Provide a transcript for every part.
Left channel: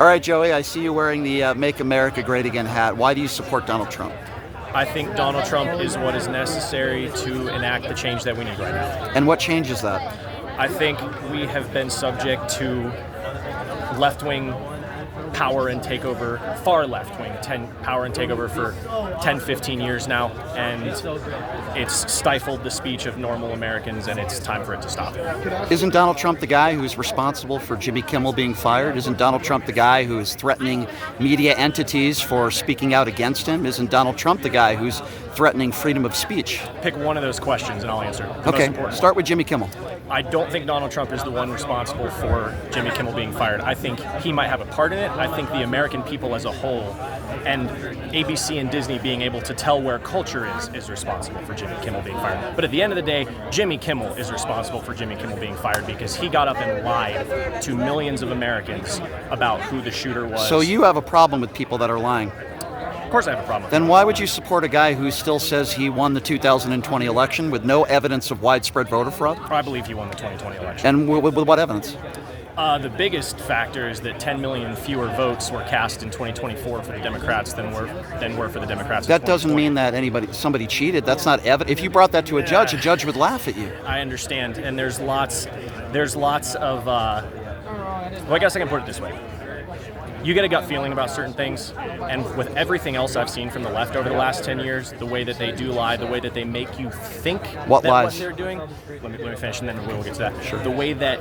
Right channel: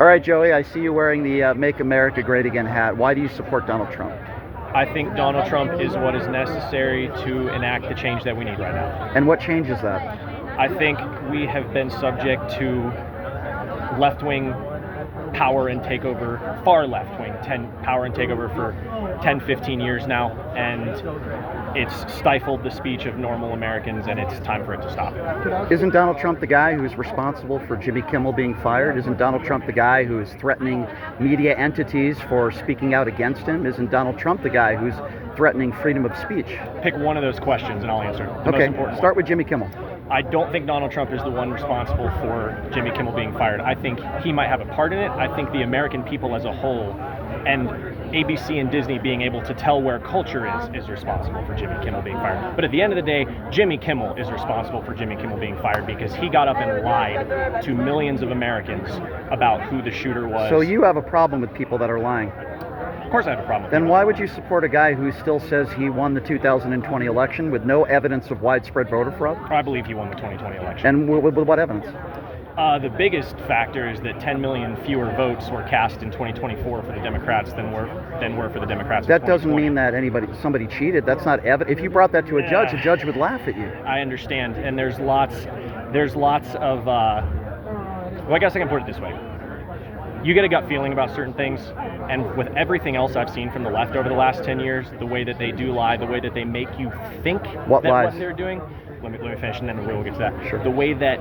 All right, Joey, I see you wearing the Make America Great Again hat. Why do you support Donald Trump? I think Donald Trump is what is necessary to enact the change that we need right now. And what changes that? I think we have been subject to left-wing power and takeover, far left-wing power and takeover for 10, 15 years now, and it's stifled the speech of normal Americans, and it's time for it to stop. Isn't Donald Trump the guy who's responsible for Jimmy Kimmel being fired? Isn't Donald Trump the guy who is threatening media entities for speaking out against him? Isn't Donald Trump the guy who's threatening freedom of speech? Pick one of those questions and I'll answer. Okay, start with Jimmy Kimmel. I don't think Donald Trump is the one responsible for Jimmy Kimmel being fired. I think he might have a part in it. I think the American people as a whole, and ABC and Disney being able to tell where culture is responsible for Jimmy Kimmel being fired. But at the end of the day, Jimmy Kimmel is responsible for Jimmy Kimmel being fired because he got up and lied to millions of Americans about who the shooter was. So you have a problem with people that are lying? Of course I have a problem with Then why would you support a guy who still says he won the 2020 election with no evidence of widespread voter fraud? I believe he won the 2020 election. And with what evidence? The biggest factor is that 10 million fewer votes were cast in 2024 for the Democrats than were for the Democrats. That doesn't mean that somebody cheated. That's not evidence. If you brought that to a judge would laugh at you. I understand, and there's lots of. Well, I guess I can put it this way. You get a gut feeling about certain things, and with everything else I've seen from the left over the last 10 years, the way that they do lie, the way that they make you think what they're doing. Let me finish, and then we'll get to that. Sure. The way that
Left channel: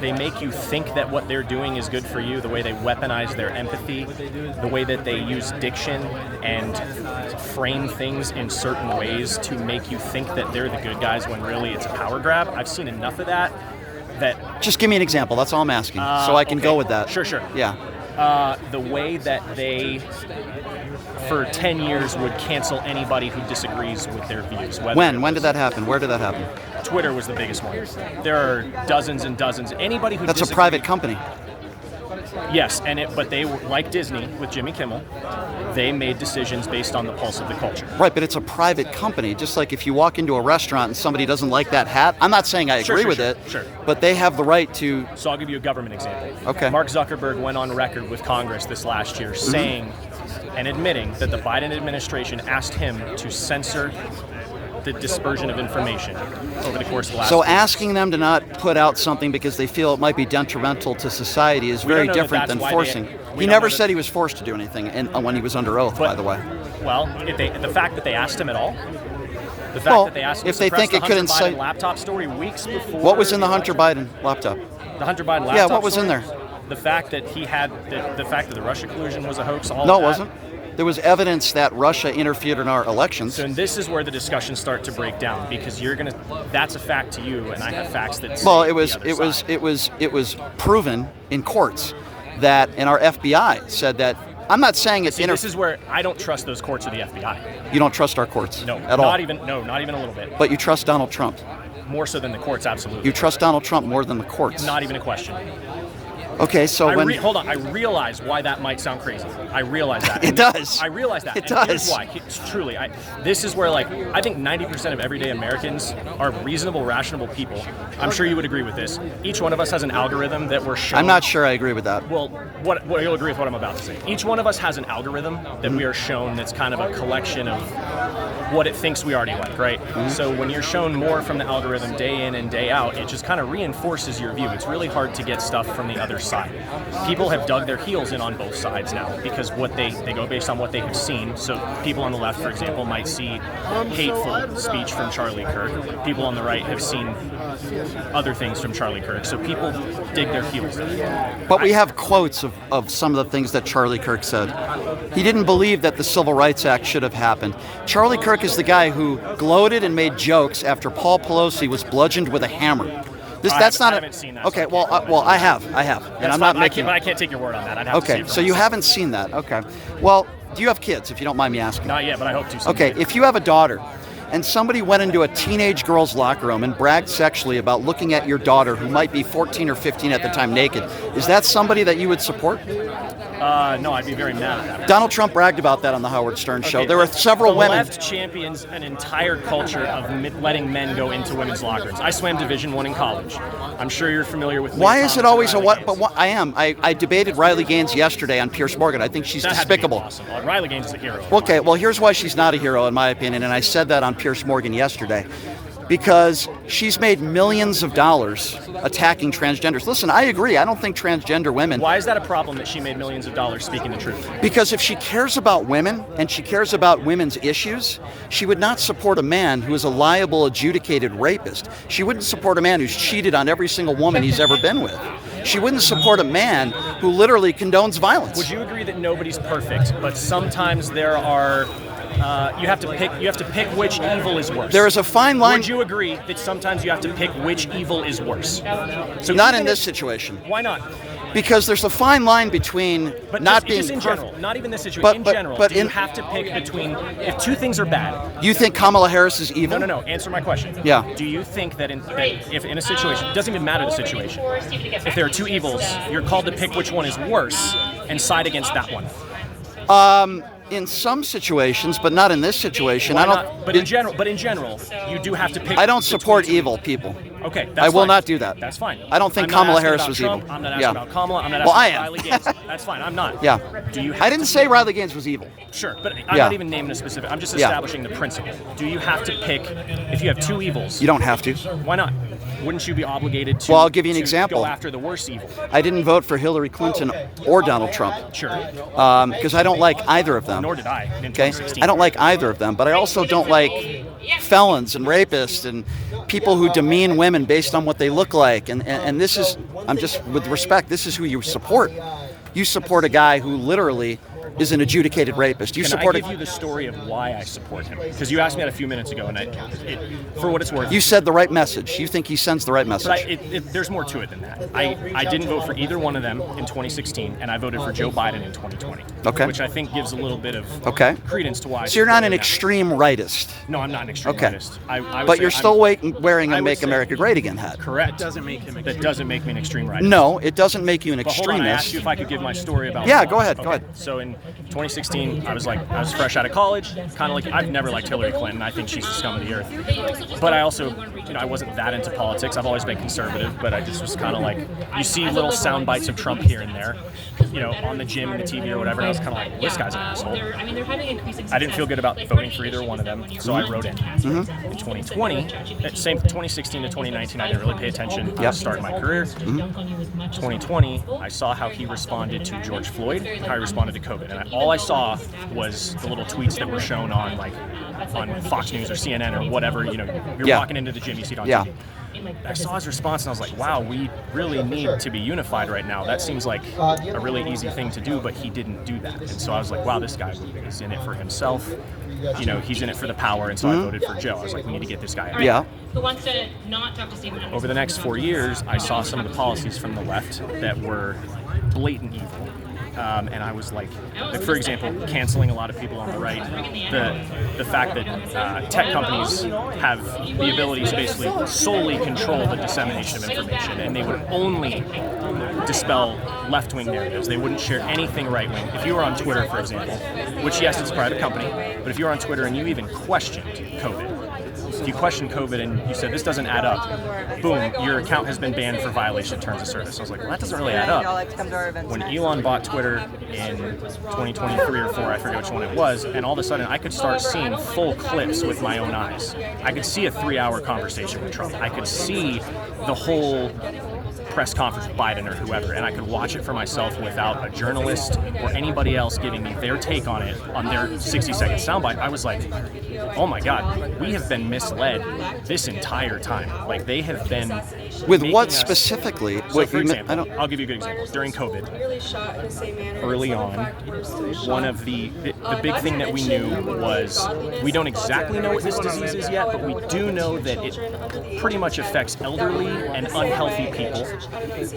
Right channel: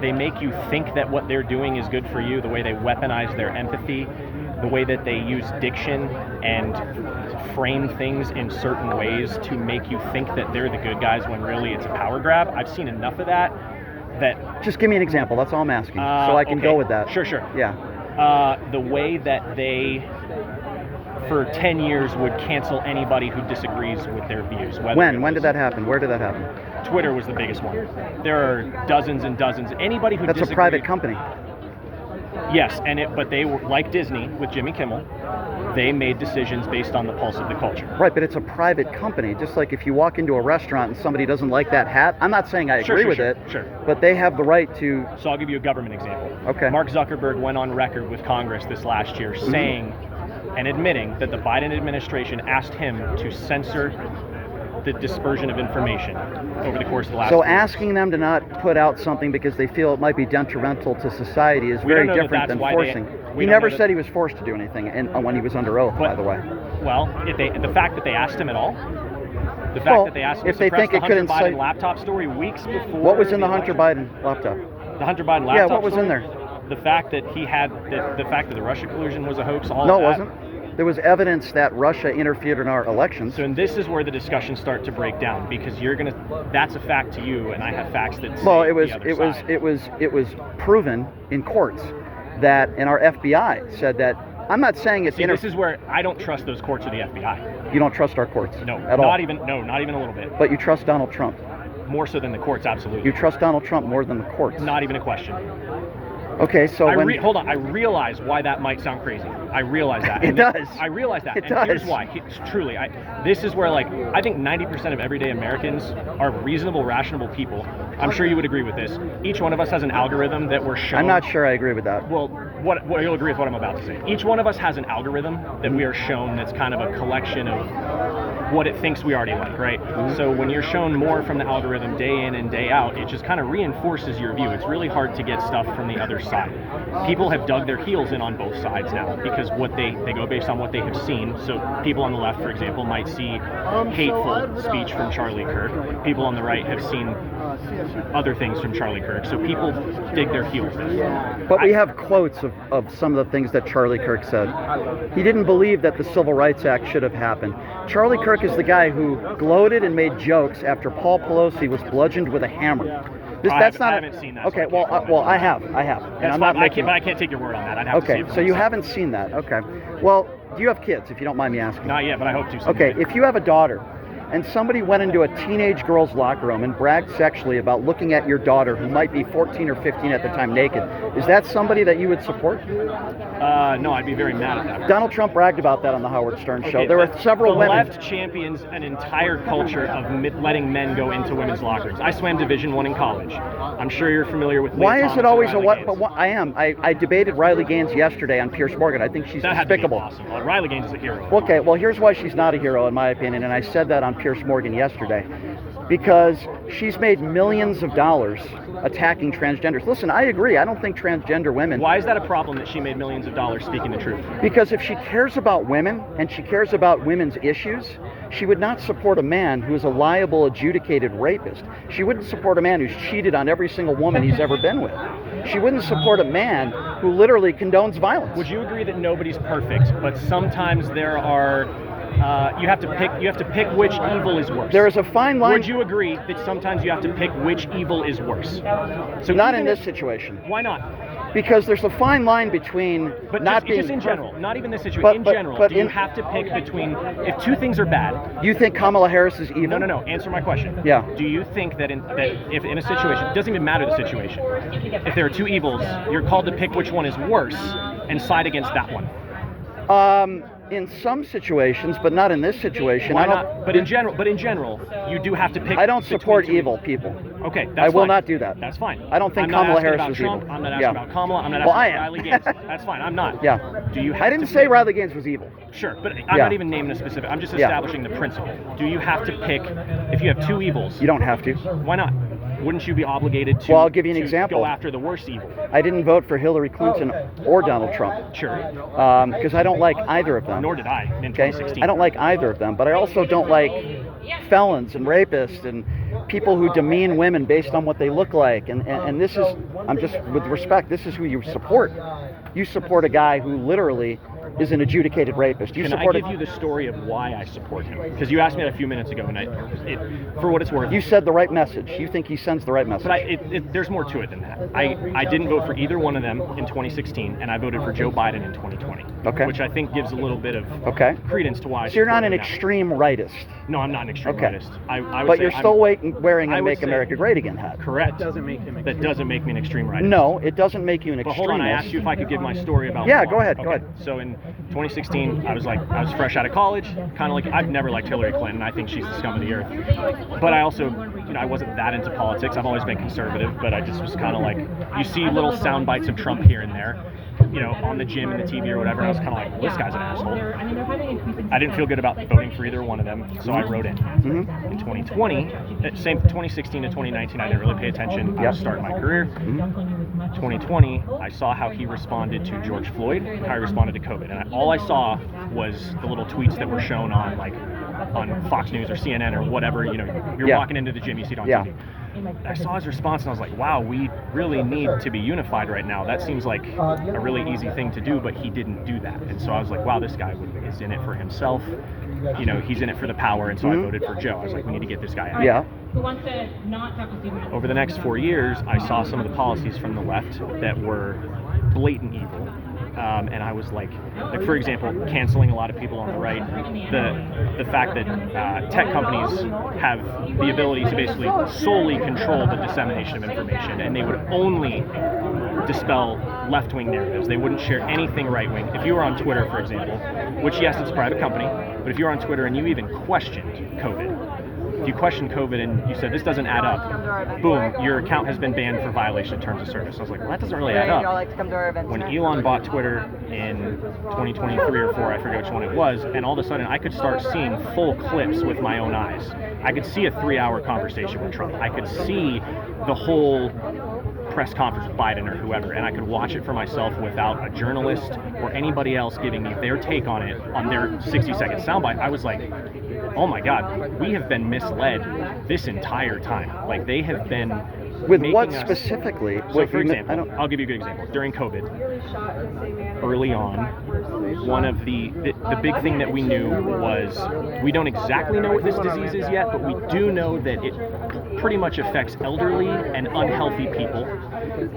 they make you think that what they're doing is good for you, the way they weaponize their empathy, the way that they use diction and frame things in certain ways to make you think that they're the good guys when really it's a power grab. I've seen enough of that. Just give me an example. That's all I'm asking, so I can go with that. Sure. Yeah. The way that they, for 10 years, would cancel anybody who disagrees with their views. When did that happen? Where did that happen? Twitter was the biggest one. There are dozens and dozens. Anybody who That's a private company. Yes, but they were like Disney with Jimmy Kimmel. They made decisions based on the pulse of the culture. Right, but it's a private company. Just like if you walk into a restaurant and somebody doesn't like that hat, I'm not saying I agree with it, but they have the right to... So I'll give you a government example. Okay. Mark Zuckerberg went on record with Congress this last year saying and admitting that the Biden administration asked him to censor the dispersion of information over the course of the last So asking them to not put out something because they feel it might be detrimental to society is very different than forcing. He never said he was forced to do anything when he was under oath, by the way. Well, the fact that they asked him at all, the fact that they asked him if they think it could incite... laptop story weeks before... What was in the Hunter Biden laptop? The Hunter Biden laptop Yeah, what was story? in there? The fact that he had, the fact that the Russia collusion was a hoax, all No, of that. it wasn't. There was evidence that Russia interfered in our elections. So, and this is where the discussions start to break down because that's a fact to you, and I have facts that say well, it was proven in courts that, and our FBI said that. I'm not saying it's. This is where I don't trust those courts or the FBI. You don't trust our courts? No, at all. Not even a little bit. But you trust Donald Trump? More so than the courts, absolutely. You trust Donald Trump more than the courts? Not even a question. Okay, so hold on. I realize why that might sound crazy. I realize that. It does. I realize that. It does. Here's why. It's truly. This is where, I think 90% of everyday Americans are reasonable, rational people. I'm sure you would agree with this. Each one of us has an algorithm that we're shown. I'm not sure I agree with that. Well, what you'll agree with what I'm about to say. Each one of us has an algorithm that we are shown that's kind of a collection of what it thinks we already like, right? So when you're shown more from the algorithm day in and day out, it just kind of reinforces your view. It's really hard to get stuff from the other side. People have dug their heels in on both sides now because what they go based on what they have seen. So people on the left, for example, might see hateful speech from Charlie Kirk. People on the right have seen other things from Charlie Kirk. So people dig their heels in. But we have quotes of some of the things that Charlie Kirk said. He didn't believe that the Civil Rights Act should have happened. Charlie Kirk is the guy who gloated and made jokes after Paul Pelosi was bludgeoned with a hammer. I haven't seen that. Okay, I have. And I'm not making. But I can't take your word on that. I'd have to see it so you haven't seen that. Okay. Well, do you have kids, if you don't mind me asking? Not yet, but I hope to someday. Okay, if you have a daughter and somebody went into a teenage girl's locker room and bragged sexually about looking at your daughter, who might be 14 or 15 at the time, naked, is that somebody that you would support? No, I'd be very mad at that. Donald Trump bragged about that on the Howard Stern show. There were several women. The left champions an entire culture of letting men go into women's locker rooms. I swam Division I in college. I'm sure you're familiar with. Why is it always a what? Gaines. But what, I am. I debated Riley Gaines yesterday on Pierce Morgan. I think she's despicable. Awesome. Riley Gaines is a hero. Okay, well, here's why she's not a hero, in my opinion, and I said that on Pierce Morgan yesterday. Because she's made millions of dollars attacking transgenders. Listen, I agree. I don't think transgender women... Why is that a problem that she made millions of dollars speaking the truth? Because if she cares about women and she cares about women's issues, she would not support a man who is a liable, adjudicated rapist. She wouldn't support a man who's cheated on every single woman he's ever been with. She wouldn't support a man who literally condones violence. Would you agree that nobody's perfect, but sometimes there are... you have to pick which evil is worse. There is a fine line. Would you agree that sometimes you have to pick which evil is worse? So not in this situation. Why not? Because there's a fine line between not being just in general, not even this situation. In general, do you have to pick between if two things are bad? You think Kamala Harris is evil? No. Answer my question. Yeah. Do you think that if in a situation, it doesn't even matter the situation, if there are two evils, you're called to pick which one is worse and side against that one? In some situations, but not in this situation. Why not? But in general, you do have to pick. I don't support evil people. Okay, that's I will fine. not do that. That's fine. I don't think Kamala Harris was Trump. evil. I'm not asking about Kamala. I'm not asking about Riley Gaines. That's fine. I'm not. Yeah. Do you? Have I didn't say Riley Gaines was evil. Sure, but I'm not even naming a specific. I'm just establishing the principle. Do you have to pick if you have two evils? You don't have to. Why not? Wouldn't you be obligated to? Well, I'll give you an example. Go after the worst evil. I didn't vote for Hillary Clinton or Donald Trump. Sure. Because I don't like either of them. Nor did I. In Okay. 2016. I don't like either of them, but I also don't like felons and rapists and people who demean women based on what they look like. And this is, I'm just, with respect, this is who you support. You support a guy who literally is an adjudicated rapist. Can I give you the story of why I support him? Because you asked me that a few minutes ago, and for what it's worth, you said the right message. You think he sends the right message. But there's more to it than that. I didn't vote for either one of them in 2016, and I voted for Joe Biden in 2020. Okay. Which I think gives a little bit of credence to why. So you're not an extreme rightist. No, I'm not an extreme rightist. But you're still wearing a Make America Great Again hat. Correct. That doesn't make me an extreme rightist. No, it doesn't make you an extremist. Hold on, I asked you if I could give my story about. Yeah, go ahead. So in 2016, I was fresh out of college, kind of like, I've never liked Hillary Clinton. I think she's the scum of the earth. But I also, I wasn't that into politics. I've always been conservative, but I just was kind of like, you see little sound bites of Trump here and there, on the gym and the TV or whatever. And I was kind of like, this guy's an asshole. I didn't feel good about voting for either one of them, so I wrote in. In 2020, same 2016 to 2019, I didn't really pay attention. I was starting my career. 2020, I saw how he responded to George Floyd, and how he responded to COVID. And all I saw was the little tweets that were shown on Fox News or CNN or whatever. You're walking into the gym, you see it on TV. I saw his response and I was like, wow, we really need to be unified right now. That seems like a really easy thing to do, but he didn't do that. And so I was like, wow, this guy is in it for himself. He's in it for the power, and so I voted for Joe. I was like, we need to get this guy out. Yeah. Who wants to not talk to Stephen? Over the next 4 years, I saw some of the policies from the left that were blatant evil. And I was like, for example, canceling a lot of people on the right, the fact that tech companies have the ability to basically solely control the dissemination of information, and they would only dispel left-wing narratives. They wouldn't share anything right-wing. If you were on Twitter, for example, which, yes, it's a private company, but if you're on Twitter and you even questioned COVID, if you questioned COVID and you said this doesn't add up, boom, your account has been banned for violation of terms of service. I was like, well, that doesn't really add up. When Elon bought Twitter in 2023 or 4, I forget which one it was, and all of a sudden I could start seeing full clips with my own eyes. I could see a 3-hour conversation with Trump. I could see the whole press conference with Biden or whoever, and I could watch it for myself without a journalist or anybody else giving me their take on it on their 60-second soundbite. I was like, oh my God, we have been misled this entire time. Like, they have been with what specifically? So, for example, I'll give you a good example. During COVID, early on, one of the big thing that we knew was we don't exactly know what this disease is yet, but we do know that it pretty much affects elderly and unhealthy people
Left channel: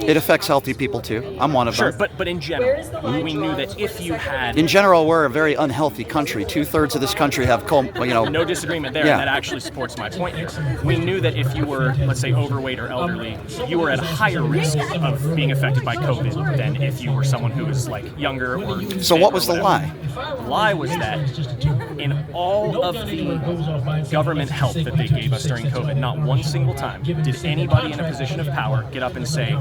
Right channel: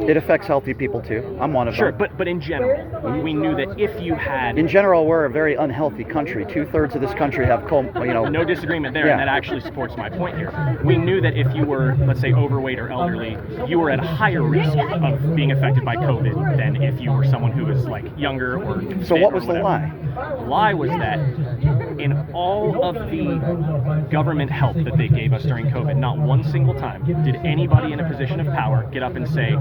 It affects healthy people too. I'm one of Sure, them. but in general, we knew that if you had In general, we're a very unhealthy country. 2/3 of this country have, no disagreement there, Yeah. and that actually supports my point here. We knew that if you were, let's say, overweight or elderly, you were at a higher risk of being affected by COVID than if you were someone who was like younger or So fit what or was the whatever. lie? The lie was that in all of the government help that they gave us during COVID, not one single time did anybody in a position of power get up and say,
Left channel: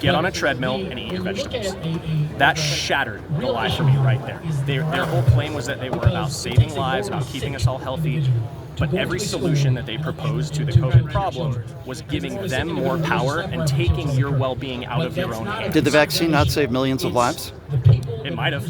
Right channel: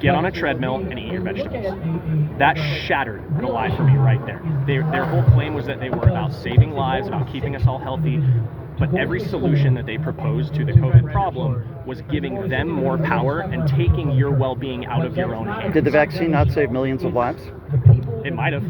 get on a treadmill and eat your vegetables. That shattered the lie for me right there. Their whole claim was that they were about saving lives, about keeping us all healthy, but every solution that they proposed to the COVID problem was giving them more power and taking your well-being out of your own hands. Did the vaccine not save millions of lives? It might have,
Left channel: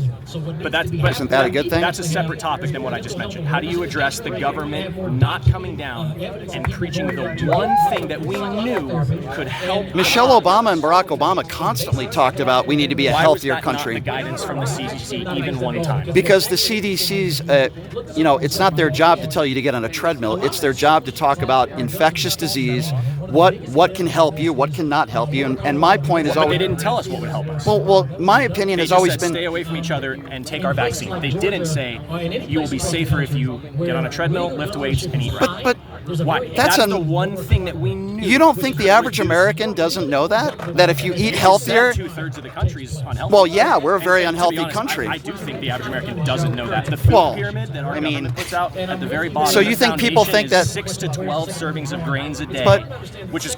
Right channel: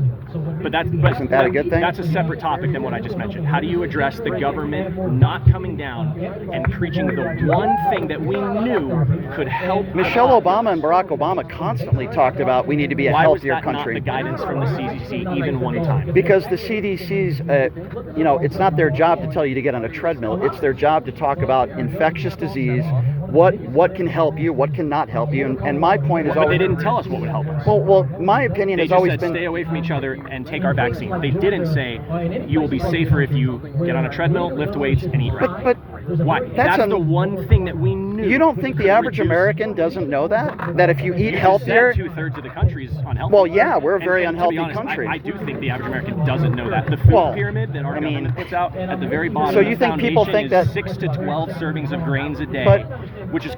but Isn't that a good thing? That's a separate topic than what I just mentioned. How do you address the government not coming down and preaching the one thing that we knew could help? Michelle Obama and Barack Obama constantly talked about we need to be a Why was healthier that country. not the guidance from the CDC even one time? Because the CDC's, it's not their job to tell you to get on a treadmill. It's their job to talk about infectious disease, what can help you, what cannot help you. And my point is But they always, didn't tell us what would help us. well, my opinion They has just always said, been. stay away from each other and take our vaccine. They didn't say you will be safer if you get on a treadmill, lift weights, and eat right. But Why? That's the one thing that we knew. you don't think the average American doesn't know that? That if you eat healthier, 2/3 of the country is unhealthy. Well, yeah, we're a very And to be unhealthy honest, country. I do think the average American doesn't know that. The food pyramid that our government puts out at the very bottom. So of you the think people foundation think is that- 6 to 12 servings of grains a day, But- which is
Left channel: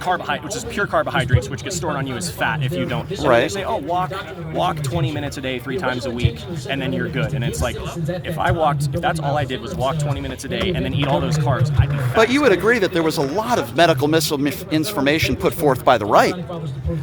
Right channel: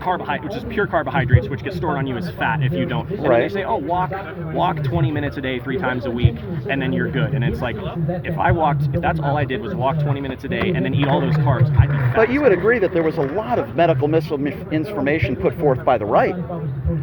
pure carbohydrates, which get stored on you as fat if you don't. So Right. they say, oh, walk 20 minutes a day, 3 times a week, and then you're good. And it's like, if that's all I did was walk 20 minutes a day and then eat all those carbs, I'd be fat. But you would agree that there was a lot of medical misinformation put forth by the right.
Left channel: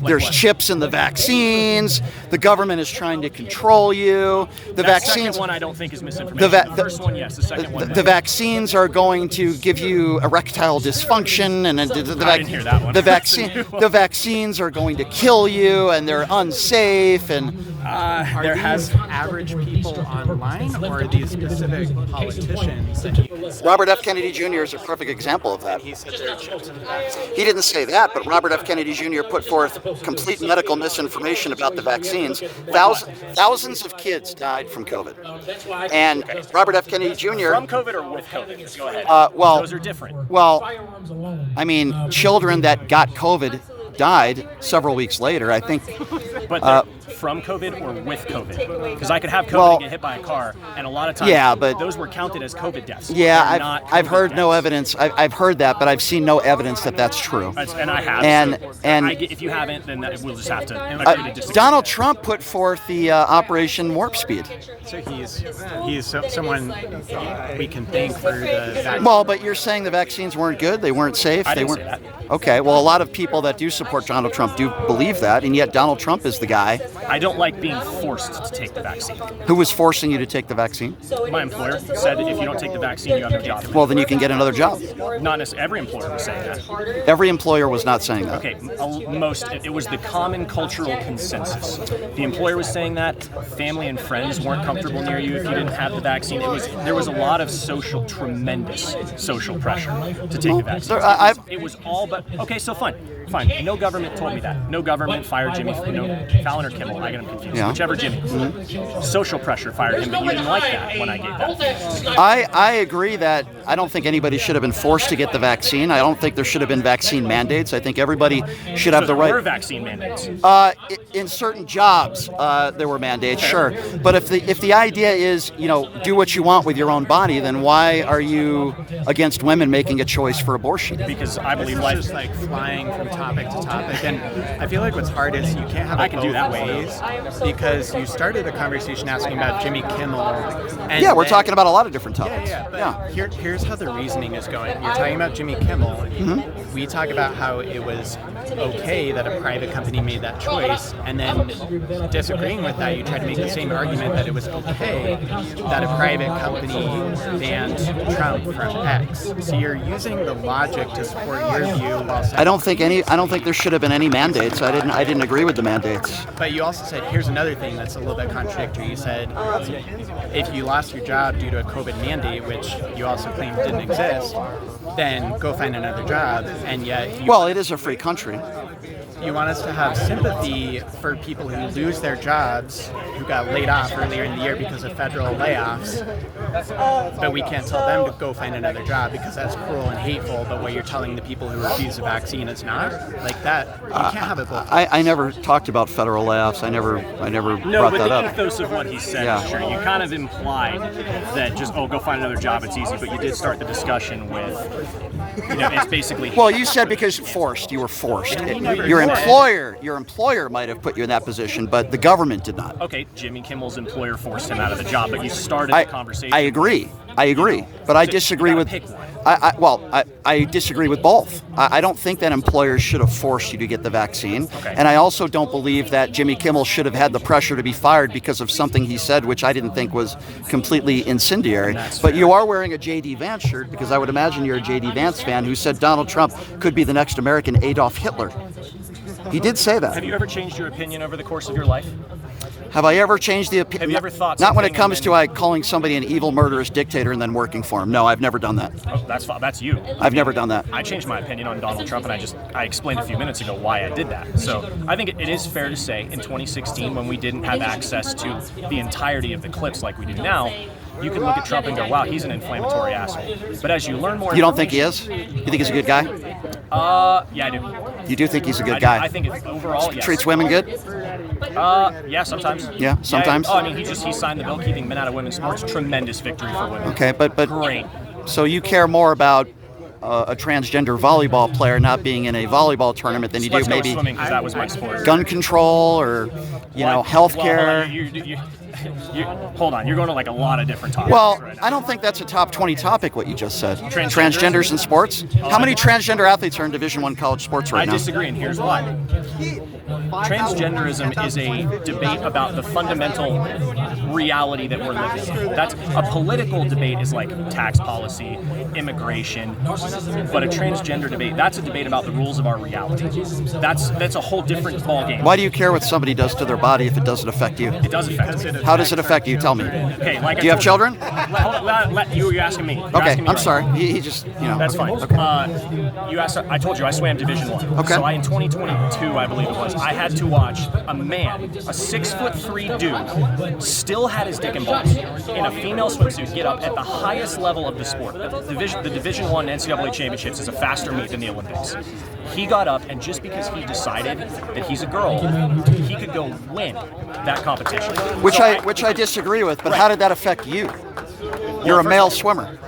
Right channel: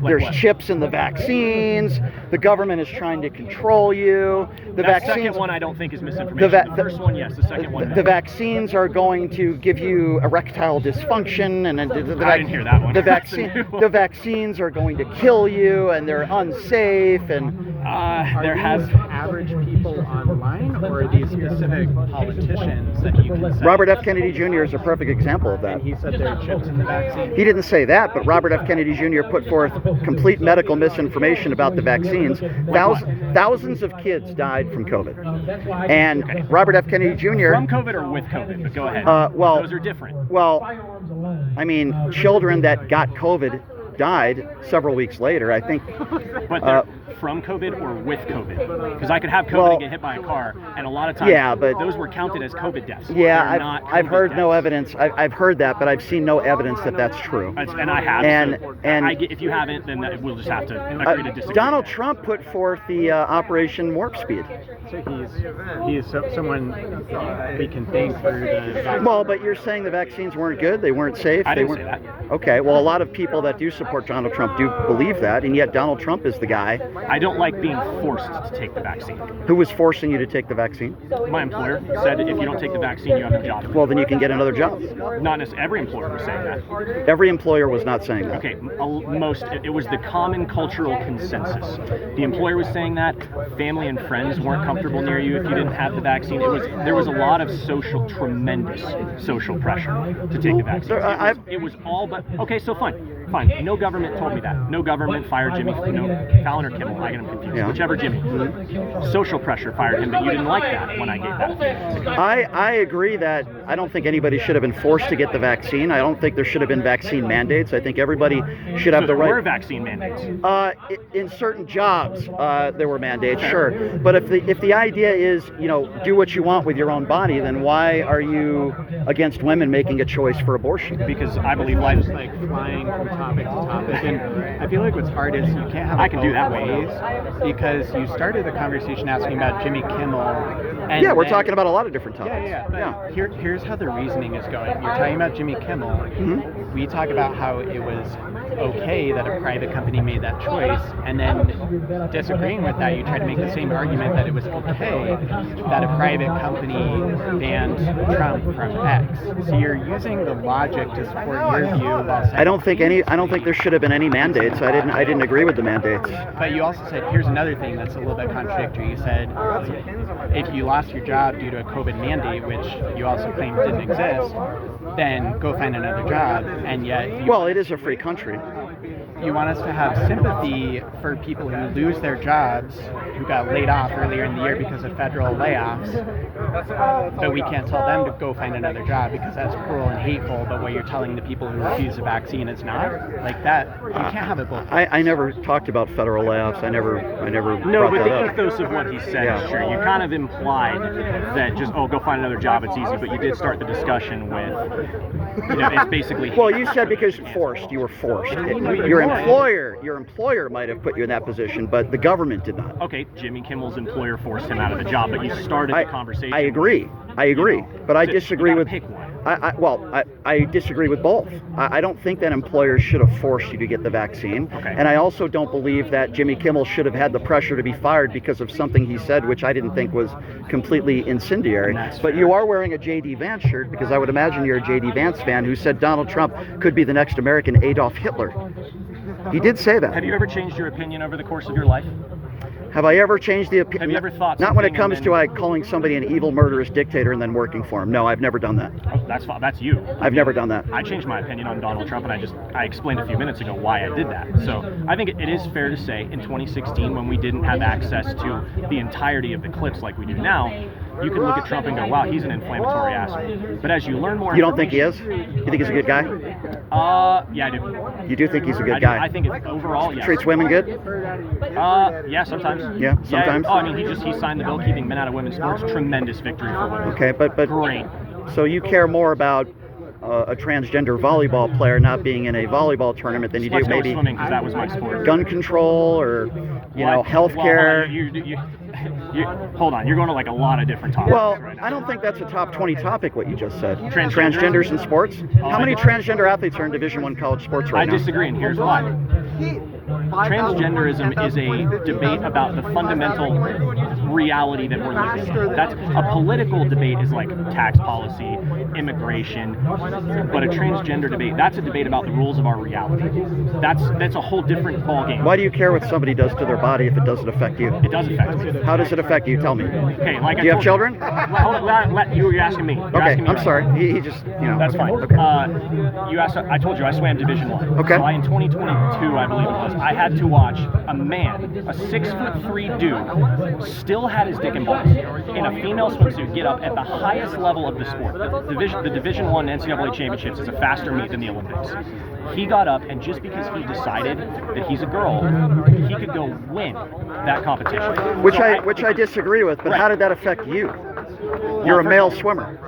There's what? chips in the vaccines. The government is trying to control you. The That vaccines. second one I don't think is misinformation. The first one, yes. The second one, The no. vaccines are going to give you erectile dysfunction, and I didn't hear that one. The That's a vaccine, new one. the vaccines are going to kill you, and they're unsafe. And There has. Average people online, or are these specific politicians that you can say? Robert F. Kennedy Jr. is a perfect example of that. He said there are chips in the vaccine. He didn't say that, but Robert F. Kennedy Jr. put forth complete medical misinformation about the vaccines. Thousands of kids died from COVID. And Robert F. Kennedy Jr. From COVID or with COVID? But go ahead. well- Those are different. Well, I mean, children that got COVID died several weeks later. I think But they're from COVID or with COVID? Because I could have COVID Well, and get hit by a car, and a lot of times Yeah, but- those were counted as COVID deaths. They're Yeah, not I've COVID heard no deaths. evidence. I've heard that, but I've seen no evidence that that's true. And I have. And- so and- if you haven't, then we'll just have to agree to disagree. Donald Trump put forth the Operation Warp Speed. So he's someone we can thank for the. Well, but you're saying the vaccines weren't good, they weren't safe. I they didn't say weren't. that. Okay, well, a lot of people that do support Donald Trump do believe that, and yet Donald Trump is the guy I don't like being forced to take the vaccine. who was forcing you to take the vaccine. My employer said if you don't take the vaccine, you have no job. Well, then you can get another job. Not necessarily every employer was saying that. Every employer was not saying that. Okay, it was the common cultural consensus. The employer was saying that. Family and friends weren't comfortable near you if you didn't have the vaccine. There was a lot of tremendous social pressure to take the vaccine. It was all but okay. So fine. No government told me that. No government fired Jimmy. Fallon or Kimmel. I get them confused. Yeah. Whichever Jimmy. Social pressure fired him, but you didn't like that when I gave that. I agree that I don't think anybody should have been forced to get the vaccine. I don't think there should have been vaccine mandates. I think everybody should have the There were right. vaccine mandates. In certain jobs, there were mandates, sure. But if the idea is, do what you want with your own body, then why are you against women making a choice for abortion? Because I believe It's life just like flying from topic to topic, and I feel like what's hard is you can't have I it can do both that way. ways, because you started the conversation asking about Jimmy Kimmel. And Yeah, we're then- talking about a lot of different topics. Yeah, but Yeah. here's how the reasoning is going. You're talking about Jimmy Kimmel. Mm-hmm. We talk about how it was okay that a private company made that choice, and then disagreeing with that, you try to make the same argument that it was okay that a private company banned Trump from X. So you're using the logic to support your view while saying I don't think any I don't think there should have been any mandates. I didn't agree with the mandates. But you also said, here's another thing that's a little bit contradictory. You said if you lost your job due to a COVID mandate, which you also claimed didn't exist, then go find another job. And yet, it is a free country. You want us to have sympathy for people who lose their jobs, who got laid off earlier in the year because of federal layoffs, but we can't tell them to go find another job because that's cruel and hateful, but what you're telling the people who refuse the vaccine is not? Like that, you can't have it both ways. I never talked about federal layoffs. I never No, brought but that the up. ethos of what he said, sure. You kind of implied that just, go find another job, it's easy, but you did start the discussion with, it's basically... Well, you said because you were forced. Your employer might have put you in that position, but the government did not. Okay, Jimmy Kimmel's employer forced him out of the job, but you started the conversation. I agree, but I disagree with. Pick one. I disagree with both. I don't think that employers should have forced you to get the vaccine, and I also don't believe that Jimmy Kimmel should have had the pressure to be fired because of something he said, which I didn't think was completely incendiary. But you are wearing a J.D. Vance shirt because I would imagine you're a J.D. Vance fan who said Donald Trump could be the next American Adolf Hitler. He did say that. Have you ever changed your opinion over the course of your life? Have I ever changed the opinion? Have you ever thought Not when it something comes and to calling somebody an evil, murderous dictator and then working for him. No, I've never done that. That's you. I've never done that. I changed my opinion on Donald Trump, and I explained a few minutes ago why I did that. So I think it is fair to say in 2016, when we didn't have access to the entirety of the clips like we do now, you can look at Trump and go, wow, he's an inflammatory asshole. But as you learn more... You don't think he is? You think he's a good guy? Yeah, I do. You do think he's a good guy? I think overall, yes. Treats women good? Yeah, sometimes. Yeah, sometimes? Yeah. Oh, I mean, he signed the bill keeping men out of women's sports. Tremendous victory for women. Okay, but Great. So you care more about a transgender volleyball player not being in a volleyball tournament than you do maybe swimming, because that was my sport. Gun control or healthcare. Hold on, you're going to like a lot of different topics. Well, right now. I don't think that's a top 20 topic. What you just said. Transgenders in sports. How many transgender athletes are in Division I college sports right now? I disagree, and here's why. Transgenderism is a debate about the fundamental reality that we're living in. That's a political debate is like tax policy, immigration, but a transgender debate, that's a debate about the rules of our reality. That's a whole different ballgame. Why do you care what somebody does to their body if it doesn't affect you? It does affect me. How does it affect you? Tell me. Okay, like do you have children? You're asking me. I'm sorry. He just, That's fine. Okay. You asked. I told you I swam Division I. Okay. So in 2022, I believe it was, I had to watch a man, a 6'3" dude, still had his dick and balls in a female swimsuit get up at the highest level of the sport. The Division I NCAA championships is a faster move than the Olympics. He got up, and just because he decided that he's a girl, he could go win that competition. Which I disagree with, but how did that affect you? You're a male swimmer.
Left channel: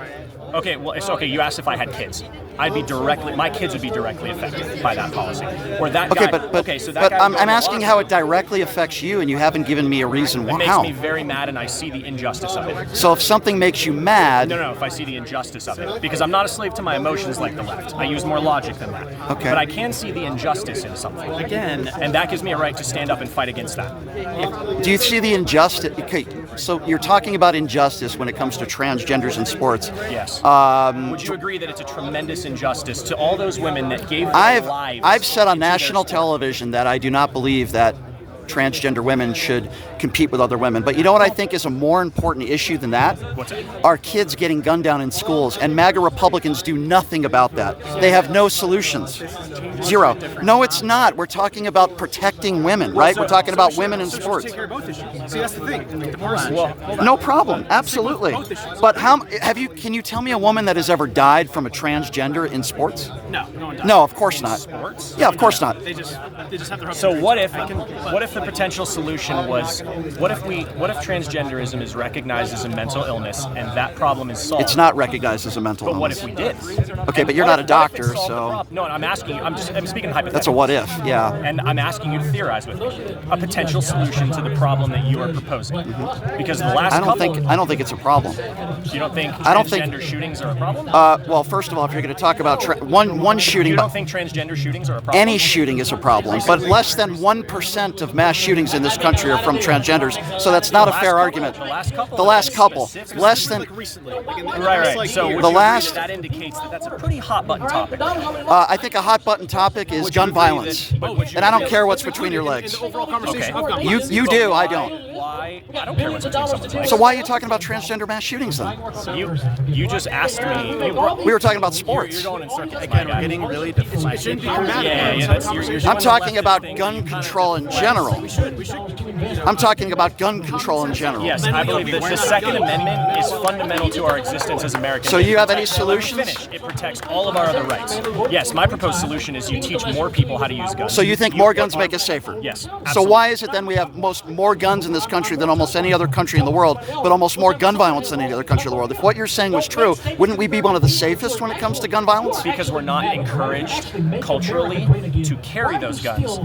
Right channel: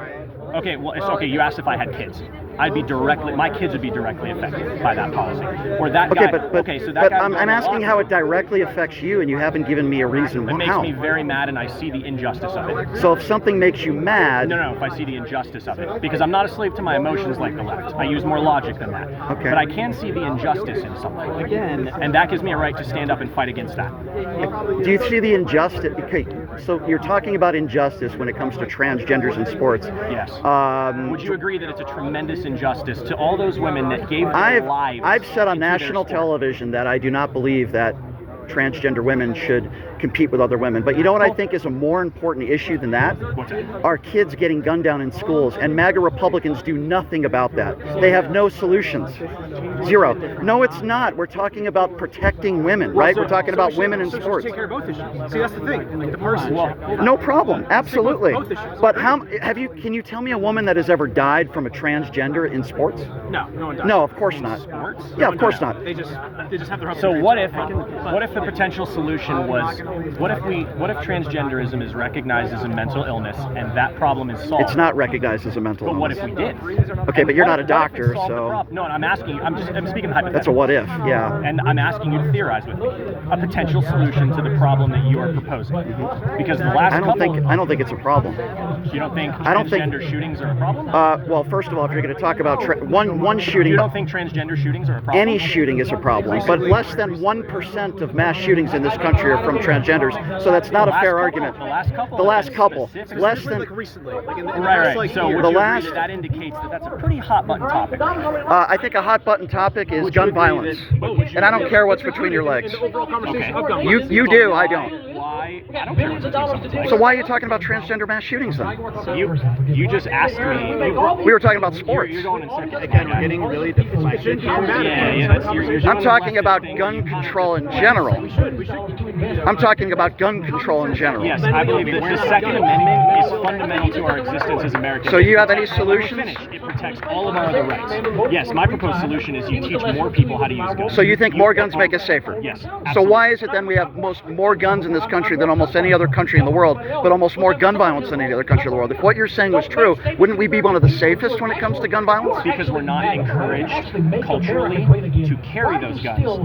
Okay, well, it's okay. You asked if I had kids. My kids would be directly affected by that policy. Or that guy. But I'm asking how it directly affects you, and you haven't given me a reason how. It how. makes me very mad, and I see the injustice of it. So if something makes you mad... No, if I see the injustice of it. Because I'm not a slave to my emotions like the left. I use more logic than that. Okay. But I can see the injustice in something. Again. And that gives me a right to stand up and fight against that. Do you see the injustice? Okay, so you're talking about injustice when it comes to transgenders in sports. Yes. Would you agree that it's a tremendous injustice to all those women that gave their lives? I've said on national television that I do not believe that transgender women should compete with other women. But you know what I think is a more important issue than that? What's that? Our kids getting gunned down in schools, and MAGA Republicans do nothing about that. They have no solutions. Zero. No, it's not. We're talking about protecting women, right? We're talking about women in sports. Take care of both issues. See, that's the thing. The person. No problem. Absolutely. But can you tell me a woman that has ever died from a transgender in sports? No one does. No, of course not. Sports? Yeah, of course not. They just have their. So what if the potential solution was, what if transgenderism is recognized as a mental illness and that problem is solved? It's not recognized as a mental illness. But what if we did? Okay, but you're not a doctor, so... No, I'm asking you, I'm speaking hypothetically. That's a what if, yeah. And I'm asking you to theorize with me a potential solution to the problem that you are proposing. Because the last I don't think it's a problem. You don't think transgender shootings are a problem? Well, first of all, if you're going to talk about one shooting... You don't think transgender shootings are a problem? Any shooting is a problem, but less than 1% of mass shootings in this country are from transgenders, so that's not a fair argument. The last couple. Less than... recently. Like in the Right. So the last... that indicates that that's a pretty hot button topic. I think a hot button topic is gun violence. And I don't care what's between your legs. the overall conversation of gun You do, I don't. Why? I don't care what's between someone's legs. So why are you talking about transgender mass shootings then? You just asked me. We were talking about sports. You're going in circles. Again, we're getting really deflected. I'm talking about gun control in general. I'm talking about gun control in general. Yes, I believe that the Second Amendment is fundamental to our existence as Americans. So you have any solutions? It protects all of our other rights. Yes, my proposed solution is you teach more people how to use guns. So you think more guns make us safer? Yes. So Absolutely. why is it then we have more guns in this country than almost any other country in the world, but almost more gun violence than any other country in the world? If what you're saying was true, wouldn't we be one of the safest when it comes to gun violence? Because we're not encouraged culturally to carry those guns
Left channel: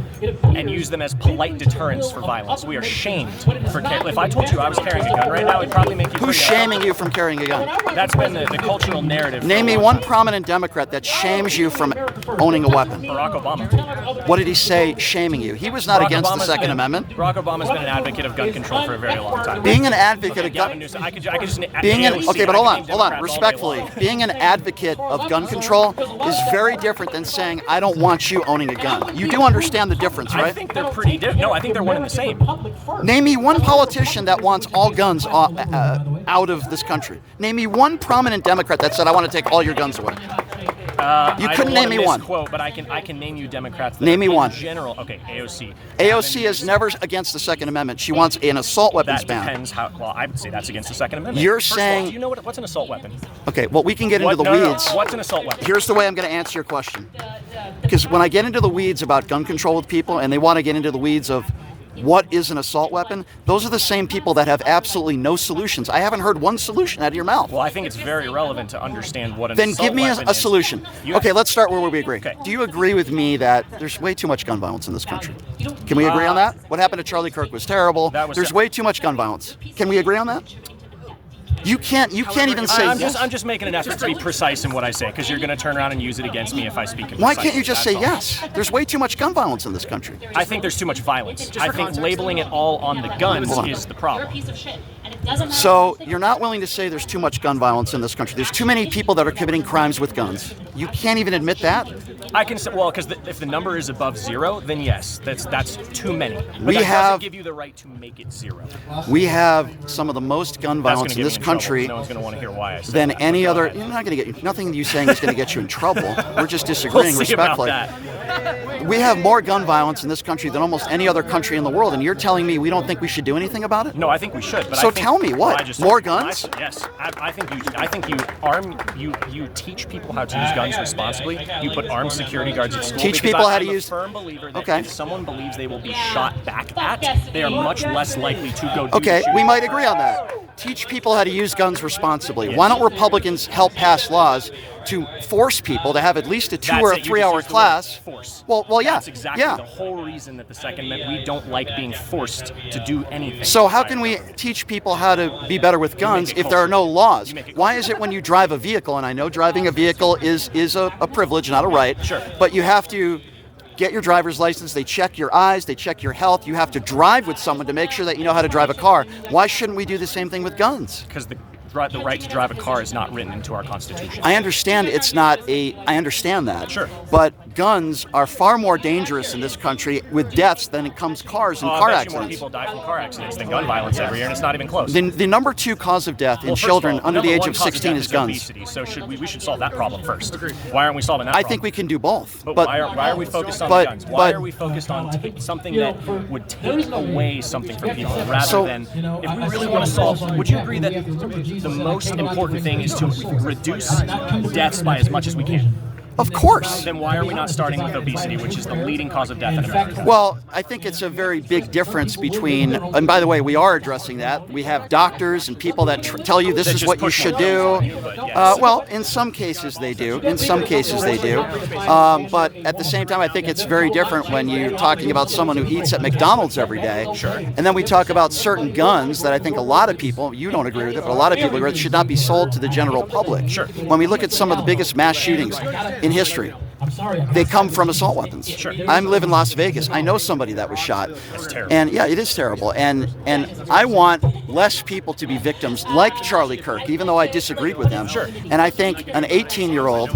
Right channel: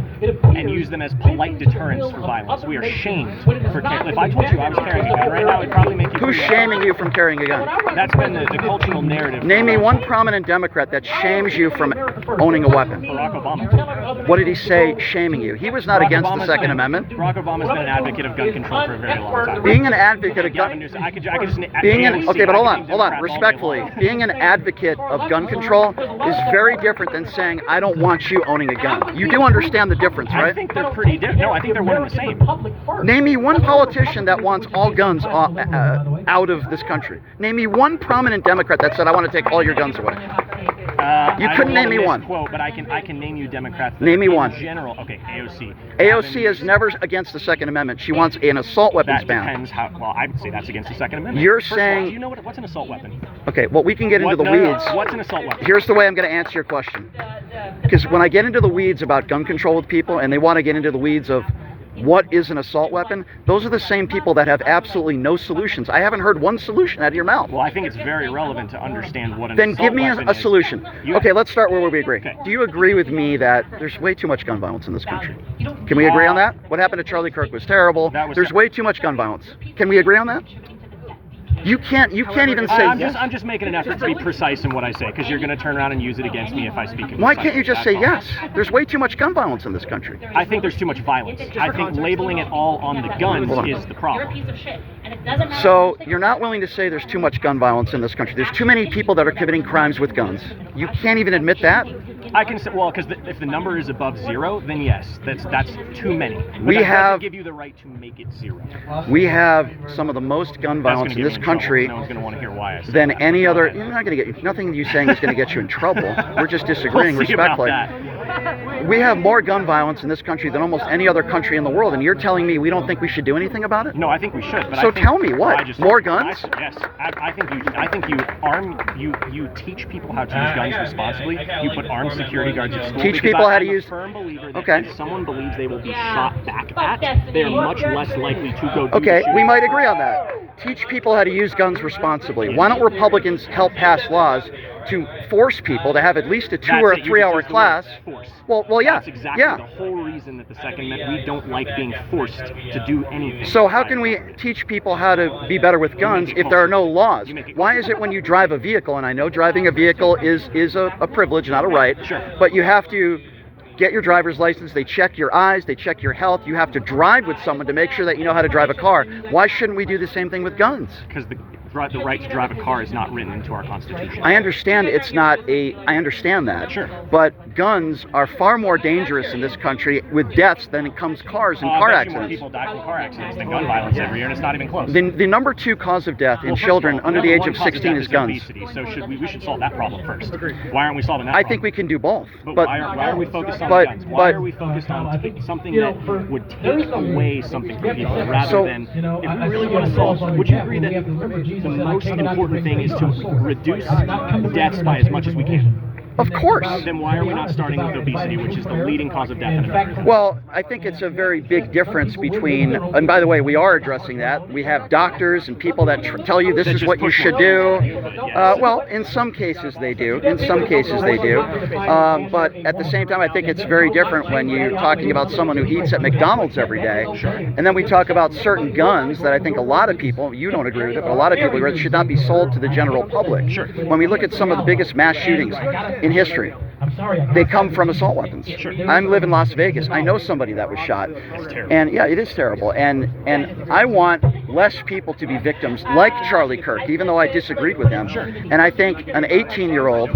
and use them as polite deterrents for violence. We are shamed for if I told you I was carrying a gun right now, it'd probably make you. Who's shaming you from carrying a gun? That's been the cultural narrative. Name me one prominent Democrat that shames you from owning a weapon. Barack Obama. What did he say shaming you? He was not Barack against the Obama's Second been- Amendment. Barack Obama's been an advocate of gun control for a very long time. Being an advocate of Gavin gun... Newsom, I could just Being an, AOC, okay, but I hold could on, name Democrats all day respectfully. long. Being an advocate of gun control is very different than saying, I don't want you owning a gun. You do understand the difference, I right? think they're pretty different. No, I think they're one and the same. Name me one politician that wants all guns out of this country. Name me one prominent Democrat that said, I want to take all your guns away. You couldn't name me one. Quote, but I can name you Democrats. That Name me in one. General, okay, AOC. AOC is never against the Second Amendment. She wants an assault weapons That ban. depends how. Well, I would say that's against the Second Amendment. You're First of all, saying- do you know what's an assault weapon? Okay, well, we can get into the No, weeds. What's an assault weapon? Here's the way I'm going to answer your question. Because when I get into the weeds about gun control with people and they want to get into the weeds of what is an assault weapon, those are the same people that have absolutely no solutions. I haven't heard one solution out of your mouth. Well, I think it's very relevant to understand what an Then assault give me weapon a is. solution. You- Okay, let's start where we agree. Okay. Do you agree with me that there's way too much gun violence in this country? Can we agree on that? What happened to Charlie Kirk was terrible. That was There's terrible. way too much gun violence. Can we agree on that? You can't even say I'm yes. just making an effort to be precise in what I say, because you're going to turn around and use it against me if I speak. Why can't you imprecisely. just say That's all. yes? There's way too much gun violence in this country. I think there's too much violence. I think labeling it all on the guns Hold on. is the You're a problem. piece of shit. And it doesn't matter. So you're not willing to say there's too much gun violence in this country. There's too many people that are committing crimes with guns. You can't even admit that? I can say, well, because if the number is above zero, then yes, that's too many. But We that have- doesn't give you the right to make it zero. We have some of the most gun That's violence gonna in get this me in trouble, country 'cause no one's going to want to hear why I said than that. any other. You're not going to get nothing you saying is going to get you in trouble. We're just disagreeing We'll see about respectfully. that. We have more gun violence in this country than almost any other country in the world, and you're telling me we don't think we should do anything about it? No, I think we should. But So I think, tell me what? I just- More guns? Yes, I think you teach people how to use guns responsibly. You put armed security guards at school. Teach because people how to I'm a use- firm believer that Okay. if someone believes they will be shot back at, they are much less likely to go. Do Okay, the shooting. we might agree on that. Teach people how to use guns responsibly. Why don't Republicans help pass laws to force people to have at least a 2 That's or a it, you 3 hour just used the word class? Force. Well, yeah, That's exactly yeah. the whole reason that the Second Amendment, we don't like being forced to do anything. So how can we teach people how to be better with guns if there are no laws? You make it Why is it when you drive a vehicle, and I know driving a vehicle is a privilege, not a right, Sure. but you have to get your driver's license, they check your eyes, they check your health, you have to drive with someone to make sure that you know how to drive a car. Why shouldn't we do the same thing with guns? Because the right to drive a car is not written into our Constitution. I understand I understand that. Sure. But guns are far more dangerous in this country with deaths than it comes cars and I car bet you more accidents. people die from car accidents than gun violence every year, and it's not even close. The number 2 cause of death in Well, first children of all, under the number age one of cause 16 death is guns. obesity, so we should solve that problem first. Why aren't we solving that I problem? think we can do both. But why are we focused on but- guns? Why but- are we focused on something that would take away something from people rather So- than if we really want to solve? Would you agree that the most important thing is to reduce deaths by as much as we can? Of course. Then why are we not starting with obesity, which is the leading cause of death in America? Well, I think it's a very big difference between, and by the way, we are addressing that. We have doctors and people that tell you this is what you should do. Well, in some cases they do. In some cases they do. But at the same time, I think it's very different when you're talking about someone who eats at McDonald's every day. And then we talk about certain guns that I think a lot of people, you don't agree with it, but a lot of people agree with, should not be sold to the general public. Sure. When we look at some of the biggest mass shootings, in history. They come from assault weapons. Sure. I live in Las Vegas. I know somebody that was shot. That's terrible. And yeah, it is terrible. And I want less people to be victims like Charlie Kirk, even though I disagreed with him. Sure. And I think an 18-year-old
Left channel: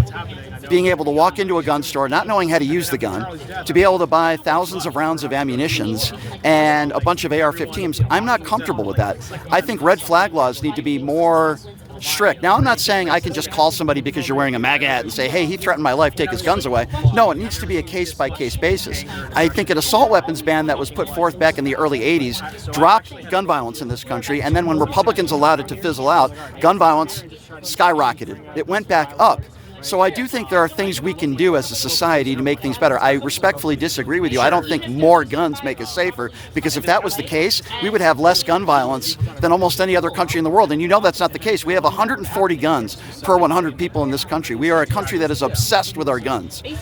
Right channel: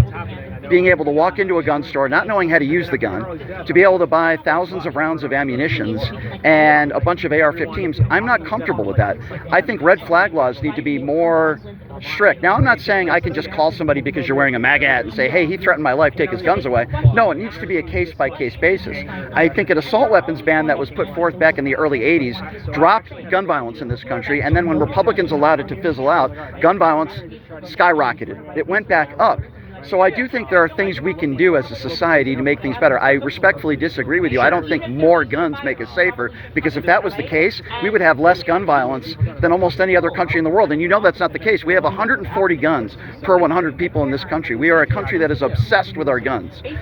being able to walk into a gun store, not knowing how to use the gun, to be able to buy thousands of rounds of ammunitions and a bunch of AR-15s, I'm not comfortable with that. I think red flag laws need to be more strict. Now, I'm not saying I can just call somebody because you're wearing a MAGA hat and say, hey, he threatened my life, take his guns away. No, it needs to be a case-by-case basis. I think an assault weapons ban that was put forth back in the early 80s dropped gun violence in this country, and then when Republicans allowed it to fizzle out, gun violence skyrocketed. It went back up. So I do think there are things we can do as a society to make things better. I respectfully disagree with you. I don't think more guns make us safer, because if that was the case, we would have less gun violence than almost any other country in the world. And you know that's not the case. We have 140 guns per 100 people in this country. We are a country that is obsessed with our guns. We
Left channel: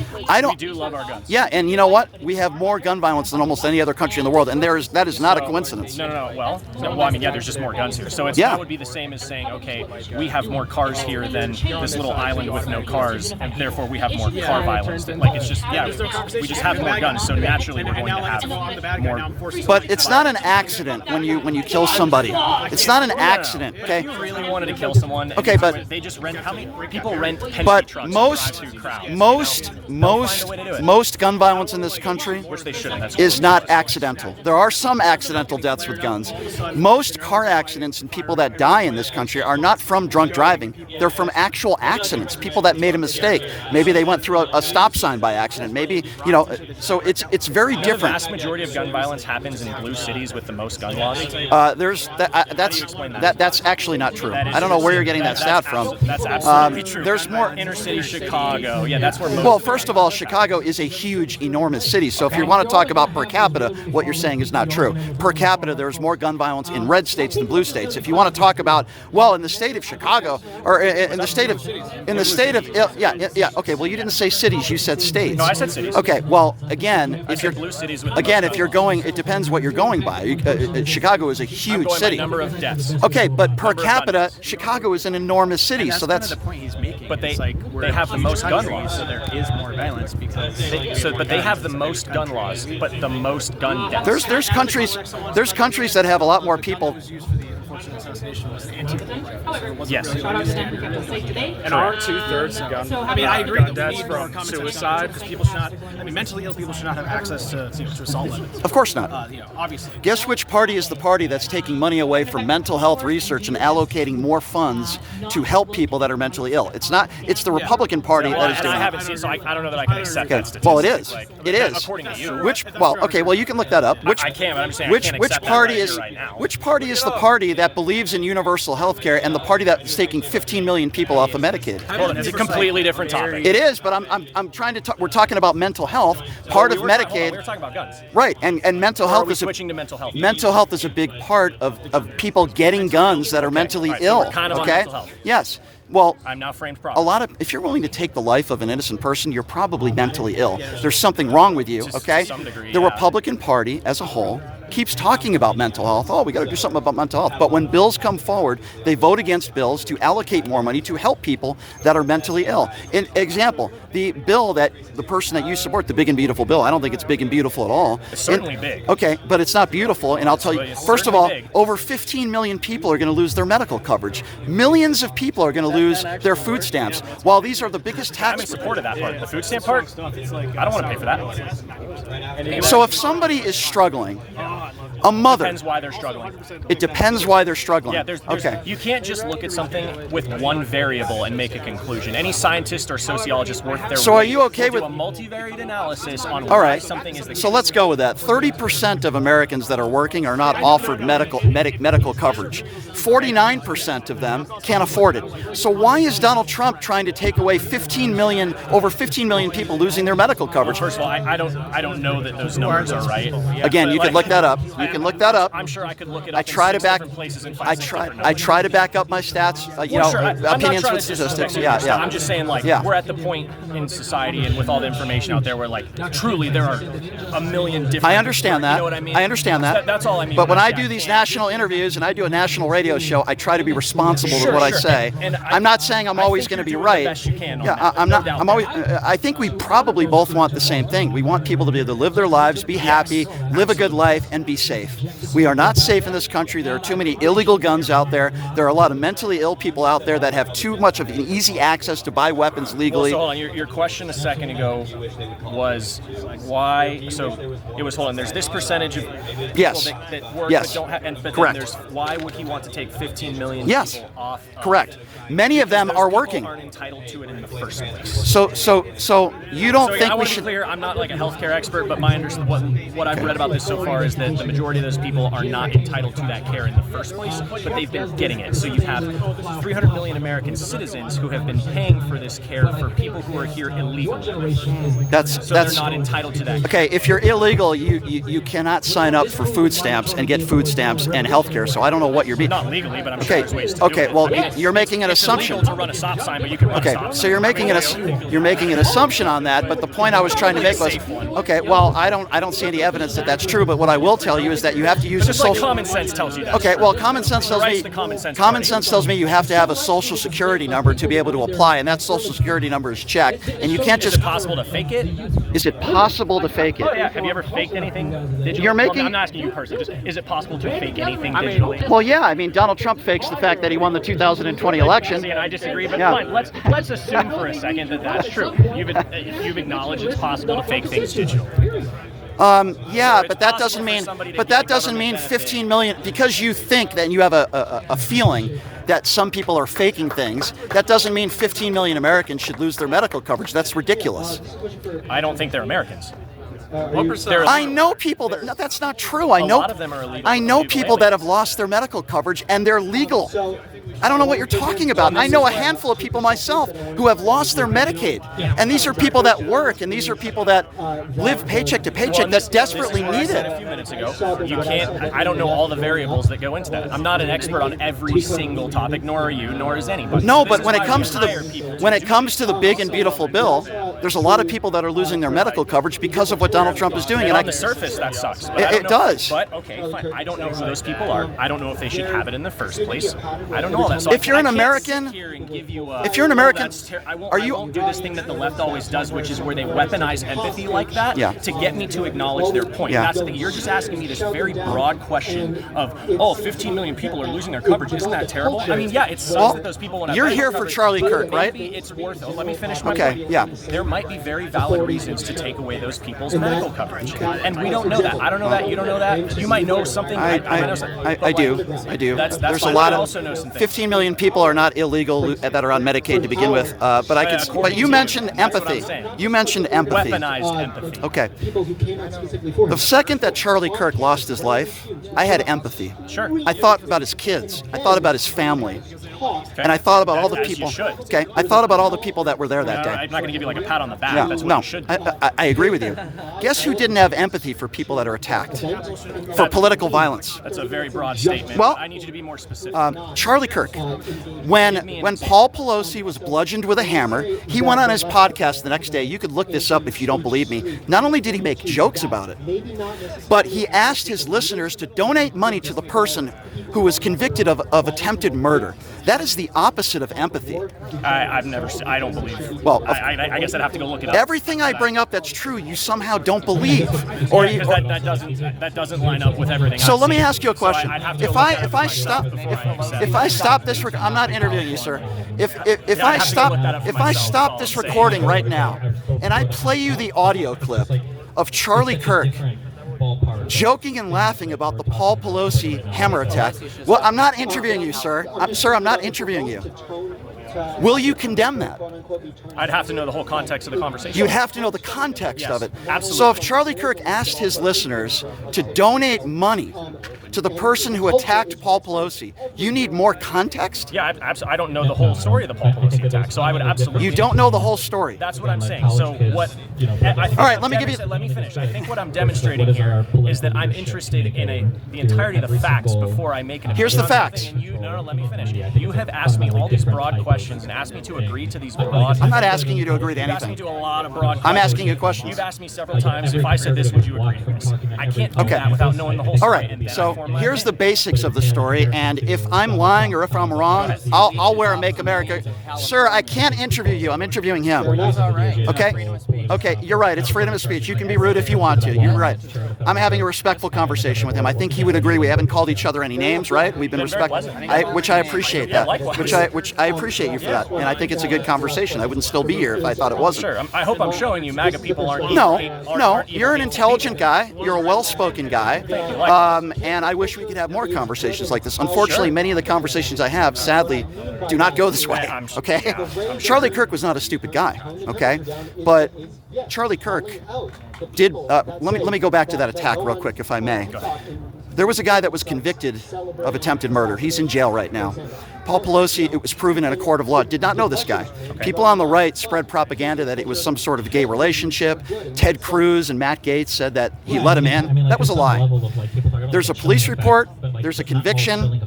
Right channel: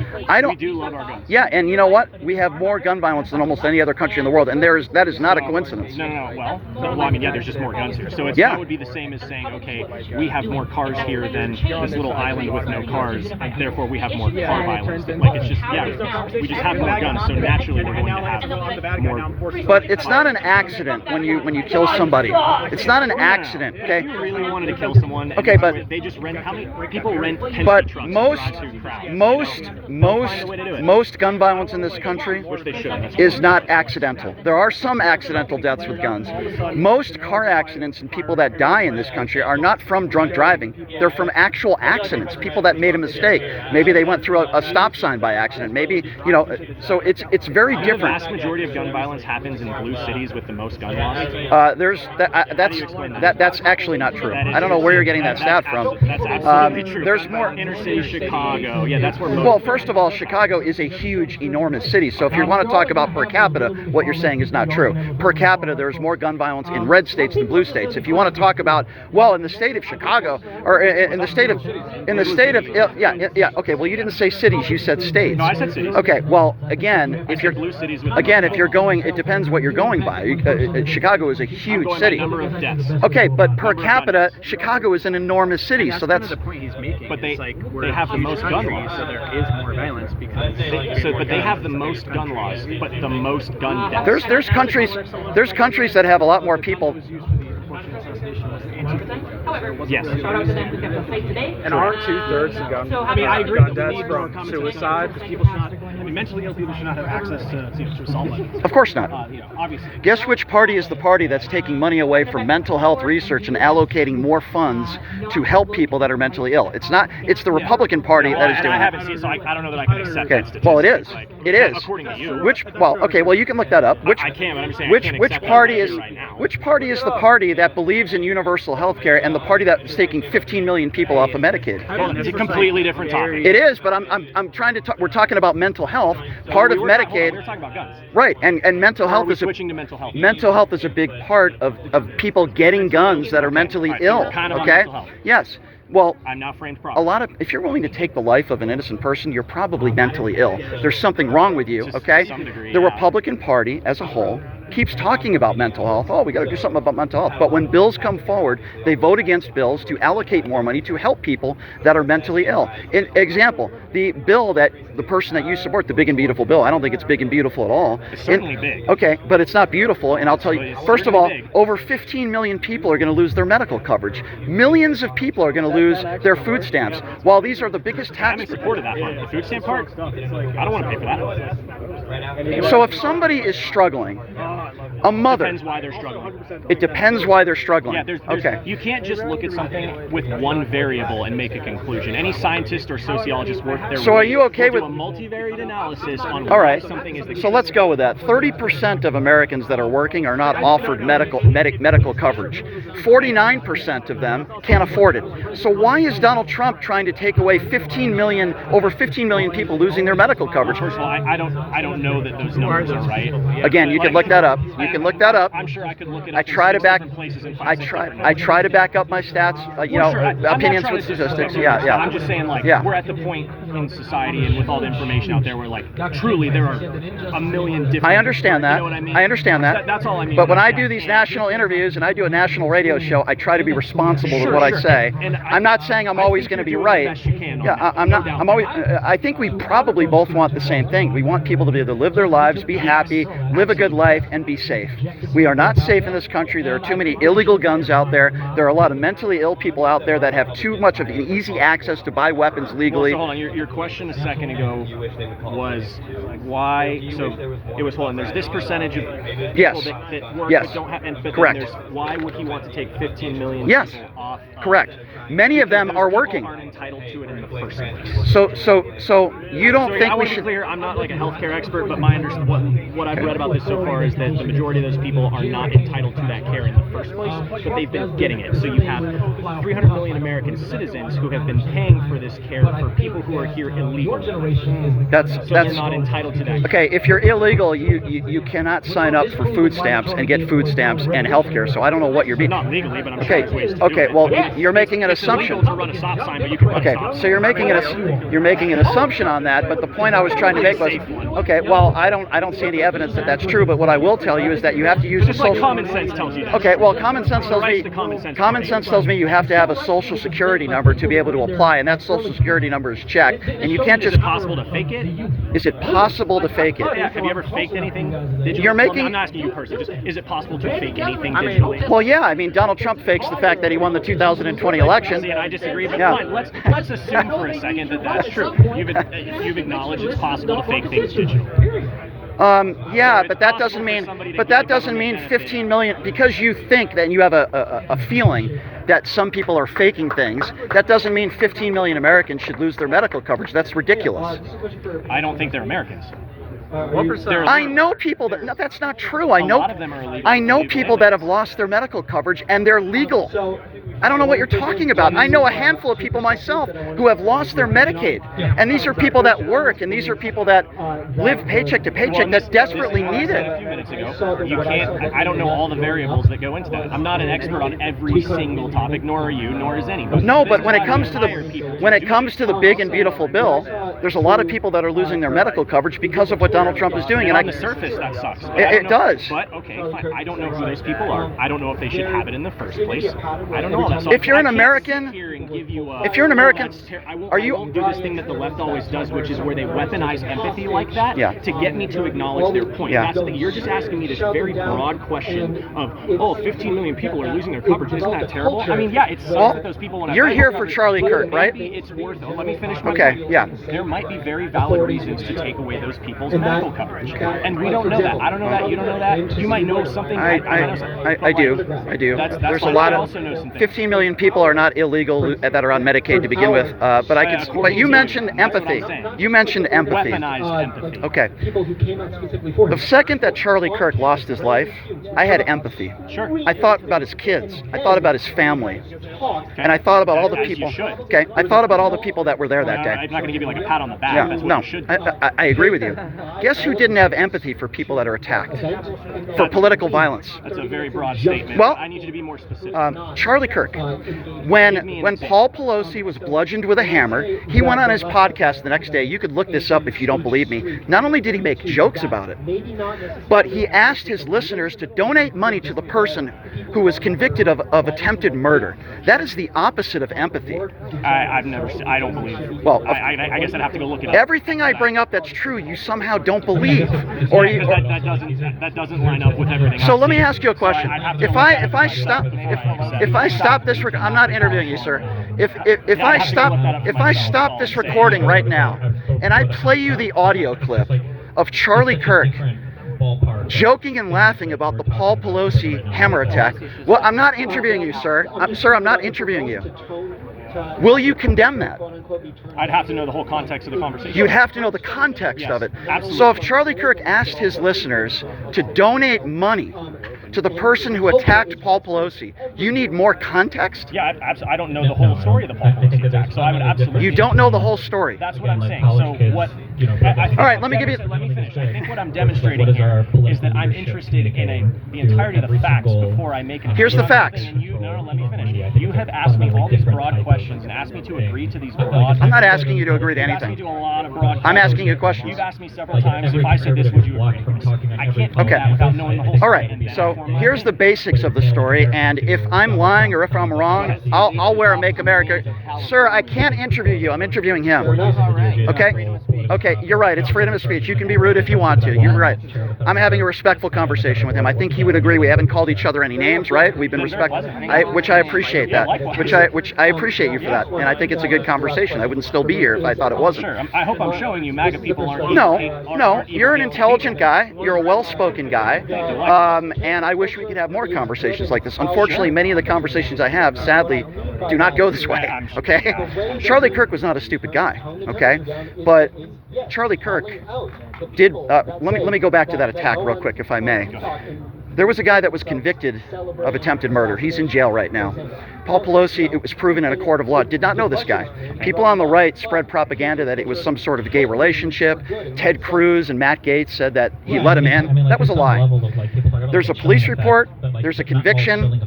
do love our guns. Yeah, and you know what? We have more gun violence than almost any other country in the world, and that is not a coincidence. No. Well, I mean, yeah, there's just more guns here. So that would be the same as saying, okay, we have more cars here than this little island with no cars, and therefore we have more car violence. Like, it's just, we just have more guns, so naturally we're going to have more. But it's not an accident when you kill somebody. It's not an accident, okay? If you really wanted to kill someone, okay, but they just rent. How many people rent Penske but trucks? most gun violence in this country is not accidental. There are some accidental deaths with guns. Most car accidents and people that die in this country are not from drunk driving. They're from actual accidents. People that made a mistake. Maybe they went through a stop sign by accident. Maybe, so it's very different. The vast majority of gun violence happens in blue cities with the most gun laws. That's actually not true. I don't know where you're getting that stat from. That's absolutely true. There's more. Inner city Chicago. Yeah, that's where most. Well, first of all, Chicago is a huge, enormous city. So if you want to talk about per capita, what you're saying is not true. Per capita, there's more gun violence in red states than blue states. If you want to talk about, well, in the state of Chicago, or in the state of, okay. Well, you didn't say cities. You said states. No, I said cities. Okay. Well, again, if you're going, it depends what you're going by. Chicago is a huge city. Number of deaths. Okay, but per capita, Chicago is an enormous city. So that's the point he's making. But they have the most gun laws. So there is more violence because. But they have the most gun laws, but the most gun deaths. There's countries that have a lot more people. Yes. And aren't 2/3 of gun deaths from suicide? Because people should not. Mentally ill people should not have access to assault weapons. Of course not. Obviously. Guess which party is the party that's taking money away from mental health research and allocating more funds to help people that are mentally ill? It's not. It's the Republican Party that is doing I it. haven't seen, so I don't know that I can accept that statistic. Well, it is. It is. According to you. Well, you can look that up. I can, but I'm just saying I can't accept that right here, right now. Which party is the party that believes in universal health care and the party that is taking 15 million people off of Medicaid? Well, it's a completely different topic. It is, but I'm trying to talk. We're talking about mental health. Part of Medicaid. We're talking about guns. Right, and mental health is switching to mental health. Mental health is a big part of people getting guns that are mentally ill. We're kind of on okay. mental health. Yes. Well, I'm now framed problem. if you're willing to take the life of an innocent person, you're probably mentally ill. There's something wrong with you, okay? To some degree, the yeah. Republican Party as a whole keeps talking about mental health. Oh, we got to do something about mental health. But when bills come forward, they vote against bills to allocate more money to help people that are mentally ill. In example, the bill that the person that you support, the big and beautiful bill, I don't think it's big and beautiful at all. It's certainly big. Okay, but it's not beautiful, and I'll tell you, first of all, big. over 15 million people are going to lose their medical coverage. Millions of people are going to lose their food stamps. While these are the biggest I'm tax... in support of that part. The food stamp part, I don't want to pay for that. So if somebody is struggling, a mother... Depends why they're struggling. It depends why they're struggling. Yeah, there's okay. You can't just look at something with one variable and make a conclusion. Any scientist or sociologist worth their So are you okay will with... do a multivariate analysis on All why right. something is the case. So let's go with that. 30% of Americans that are working are not offered medical coverage. 49% of them can't afford it. So why is Donald Trump trying to take away over 15 million people losing their medical coverage? First of all, I don't know that those numbers are right. Again, you could look that up. up. You can look that up. I'm sure I could look it up. I try to back. Places and I try to back up my stats. Opinions with statistics. Yeah. I'm just saying, we're at the point in society and with all the information out there where, truly there are a million different. I understand that. You know what I mean? I understand that. That's all I mean. But when I do these national interviews and I do a national radio show, I try to be responsible with what I say. And I'm not saying I'm always going to be right. I'm always. I think we probably both want the same thing. We want people to be able to live their lives, be happy, live a good life, and be safe. We are not safe in this country. There are too many illegal guns out there. There are a lot of mentally ill people out there that have too much of an easy access to buy weapons legally. So hold on. Your question a second ago was why? So it was, hold on. There's this percentage of people that work but don't have. But correct. There's, why would he want to take 15 million people off? Correct. Many of them are working. Aren't entitled to it in the first place. So you don't think I we want to should? be clear. I'm not like a healthcare expert, but my what I've read about this so far is that the majority of those people are not entitled to that care in the first place, but they've been getting it. So you have 300 million American citizens who have been paying for this care for people who are here illegally. That's they're not entitled to that. Okay, if you're illegal, you cannot sign up for food stamps and get food stamps and health care. So I don't know what you're being. Not legally, but I'm sure there's ways to do it. Well, you're making an assumption. It's illegal to run a stop sign, but you can run a stop sign. So you're making an assumption on that. But the point I was trying to make was, okay, well, I don't see any evidence that that's true. But what I will tell you is that you have to use a social. Common sense tells you that. Okay, well, common sense tells me you have to have a social security number to be able to apply, and that social security number is checked, and you can't just. Is it possible to fake it? Is it possible to fake it? Yeah. Have you ever faked anything? You're making. I'm not asking you personally. Just, is it possible to fake anything digitally? Well, yeah. I mean, Donald Trump fakes the fact that he won the 2020 election. I disagree. But fine, let's assume for a second that that's true. You've acknowledged it's possible to fake things digitally. Yeah, but that doesn't mean 15 million, because you think that you have a feeling that some people are faking things. That doesn't mean 15 million Americans should lose their medical coverage. That's ridiculous. I don't think they're Americans. What percent? I know people that. No, that's not true. I know. A lot of them are illegal. I know people that have lost their medical coverage and they're legal. I don't know what you're talking about. I know a handful of people myself who have lost their Medicaid, and these are people that work, and these are people that live paycheck to paycheck that desperately need it. A few minutes ago, you can't. I don't know all the variables that go into that. I'm not an expert on every single topic, nor are you, nor is anybody. No, but when it comes to the big and beautiful bill, there's a lot of people that are losing their medical coverage because of what Donald Trump is doing. And on the surface, that sucks. It does. But okay, fine. I don't know who those people are. I don't know if they should have it in the first place. I don't know all that. So if you're an American, are you? I won't do this thing that the left always does, which is where they weaponize empathy like that to get me to acknowledge their point. Yeah. That's the thing. You're just asking me this very broad question of, 15 million people are losing their coverage. Isn't that terrible? I mean, yeah, it sucks that those people won't have. You're here for Charlie Kirk, right? Maybe it's worth it. Let me finish my point. Okay, yeah. There might be very valid reasons to take away those people's medical coverage, and we don't know that. I don't know that. You don't know that. You might know something. I do. There's a lot of 15 million people are not illegal that are on Medicaid to begin with. But you mentioned empathy. You mentioned empathy. Weaponized empathy. Okay. The second that Charlie Kirk lost his life, I had empathy. Sure. I thought about his kids. I thought about his family. Okay. And I thought about all the people. Okay. I thought about all the people that were there that day. I'm not going to give you like a pat on the back. Yeah, That's what you should do. I agree with you. Guess who didn't have empathy for people that are attacked? For political violence. That's a very broad statement. Well, I need you to be more specific. Charlie Kirk, when Paul Pelosi was bludgeoned with a hammer, he went on his podcast the next day. You could look this up if you don't believe me. Not only did he make jokes about it, but he asked his listeners to donate money to the person who was convicted of attempted murder. That is the opposite of empathy. I don't believe. Well, I guess I'd have to go look it up. Everything I bring up that's true, you somehow don't believe, or that doesn't line up with everything. So let me ask you a question. If I stop this, I'm not interviewing you, sir. If I stop this recording right now, and I play you the audio clip of Charlie Kirk joking and laughing about the Paul Pelosi hammer attack, well, I'm not interviewing you, sir. I'm not interviewing you. Will you condemn that? I'd have to know the whole context of the conversation. You'd have to know the context of it. Absolutely. So if Charlie Kirk asked his listeners to donate money to the person who attacked Paul Pelosi, you need more context? Yeah, I don't know the whole story of the Paul Pelosi attack, so I would absolutely. You don't know the whole story. That's what I'm saying. So what? All right, let me give you. Let me finish. I think what I'm demonstrating here is that I'm interested in the entirety of the facts before I make an. Here's the facts. No, let me finish. You have asked me all these broad questions and asked me to agree to these broad. I'm not asking you to agree to You've asked me anything. to a lot of broad questions. I'm asking you questions. You've asked me several times if I said this, would you agree to this? I can't do that without knowing the whole All story. right. and So therefore my here's the opinion. basics of the story, and if I'm lying or if I'm wrong, I'll wear a Make America. Sir, I can't interview you. I'm interviewing him. Okay? Okay, you're right. It's freedom of speech. You can be rude if you want to. You're right. I'm having a respectful conversation with him. I think he would agree. We haven't called each other any names, right? We've been respectful, which I appreciate that. Which I appreciate you for that, and I think it's a good conversation. I wouldn't still be here if I thought it wasn't. Sure. I hope I'm showing you MAGA people aren't. No, you're an intelligent guy. You're a well-spoken guy, and I wish we could have more conversations like this. Unfortunately, many of the conversations I have, sadly, do not go this way. Okay, Charlie Kirk was not a stupid guy. Okay, but Charlie Kirk did. Let me go back to that attack real quick, if I may. There was a guy that was convicted of attempted murder. He's in jail right now. Paul Pelosi, it was proven in a court of law, did not know this guy. People on the right spread propaganda that it was some sort of gay relationship. Ted Cruz and Matt Gaetz said that he let him in. That was a lie. There's a police report. There's a conviction.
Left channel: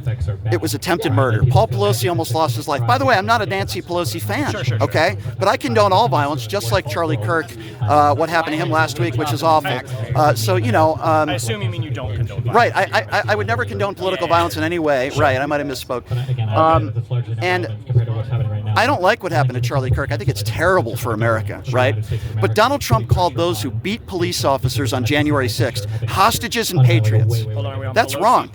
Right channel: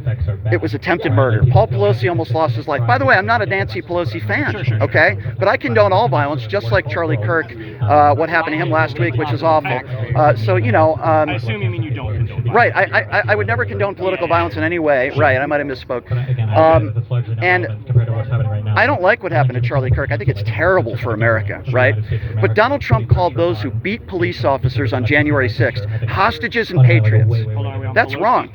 It was attempted murder. Paul Pelosi almost lost his life. By the way, I'm not a Nancy Pelosi fan, okay? But I condone all violence, just like Charlie Kirk, what happened to him last week, which is awful. So, you know... I assume you mean you don't condone violence. Right. I would never condone political violence in any way. Right. I might have misspoke. And I don't like what happened to Charlie Kirk. I think it's terrible for America, right? But Donald Trump called those who beat police officers on January 6th hostages and patriots. That's wrong.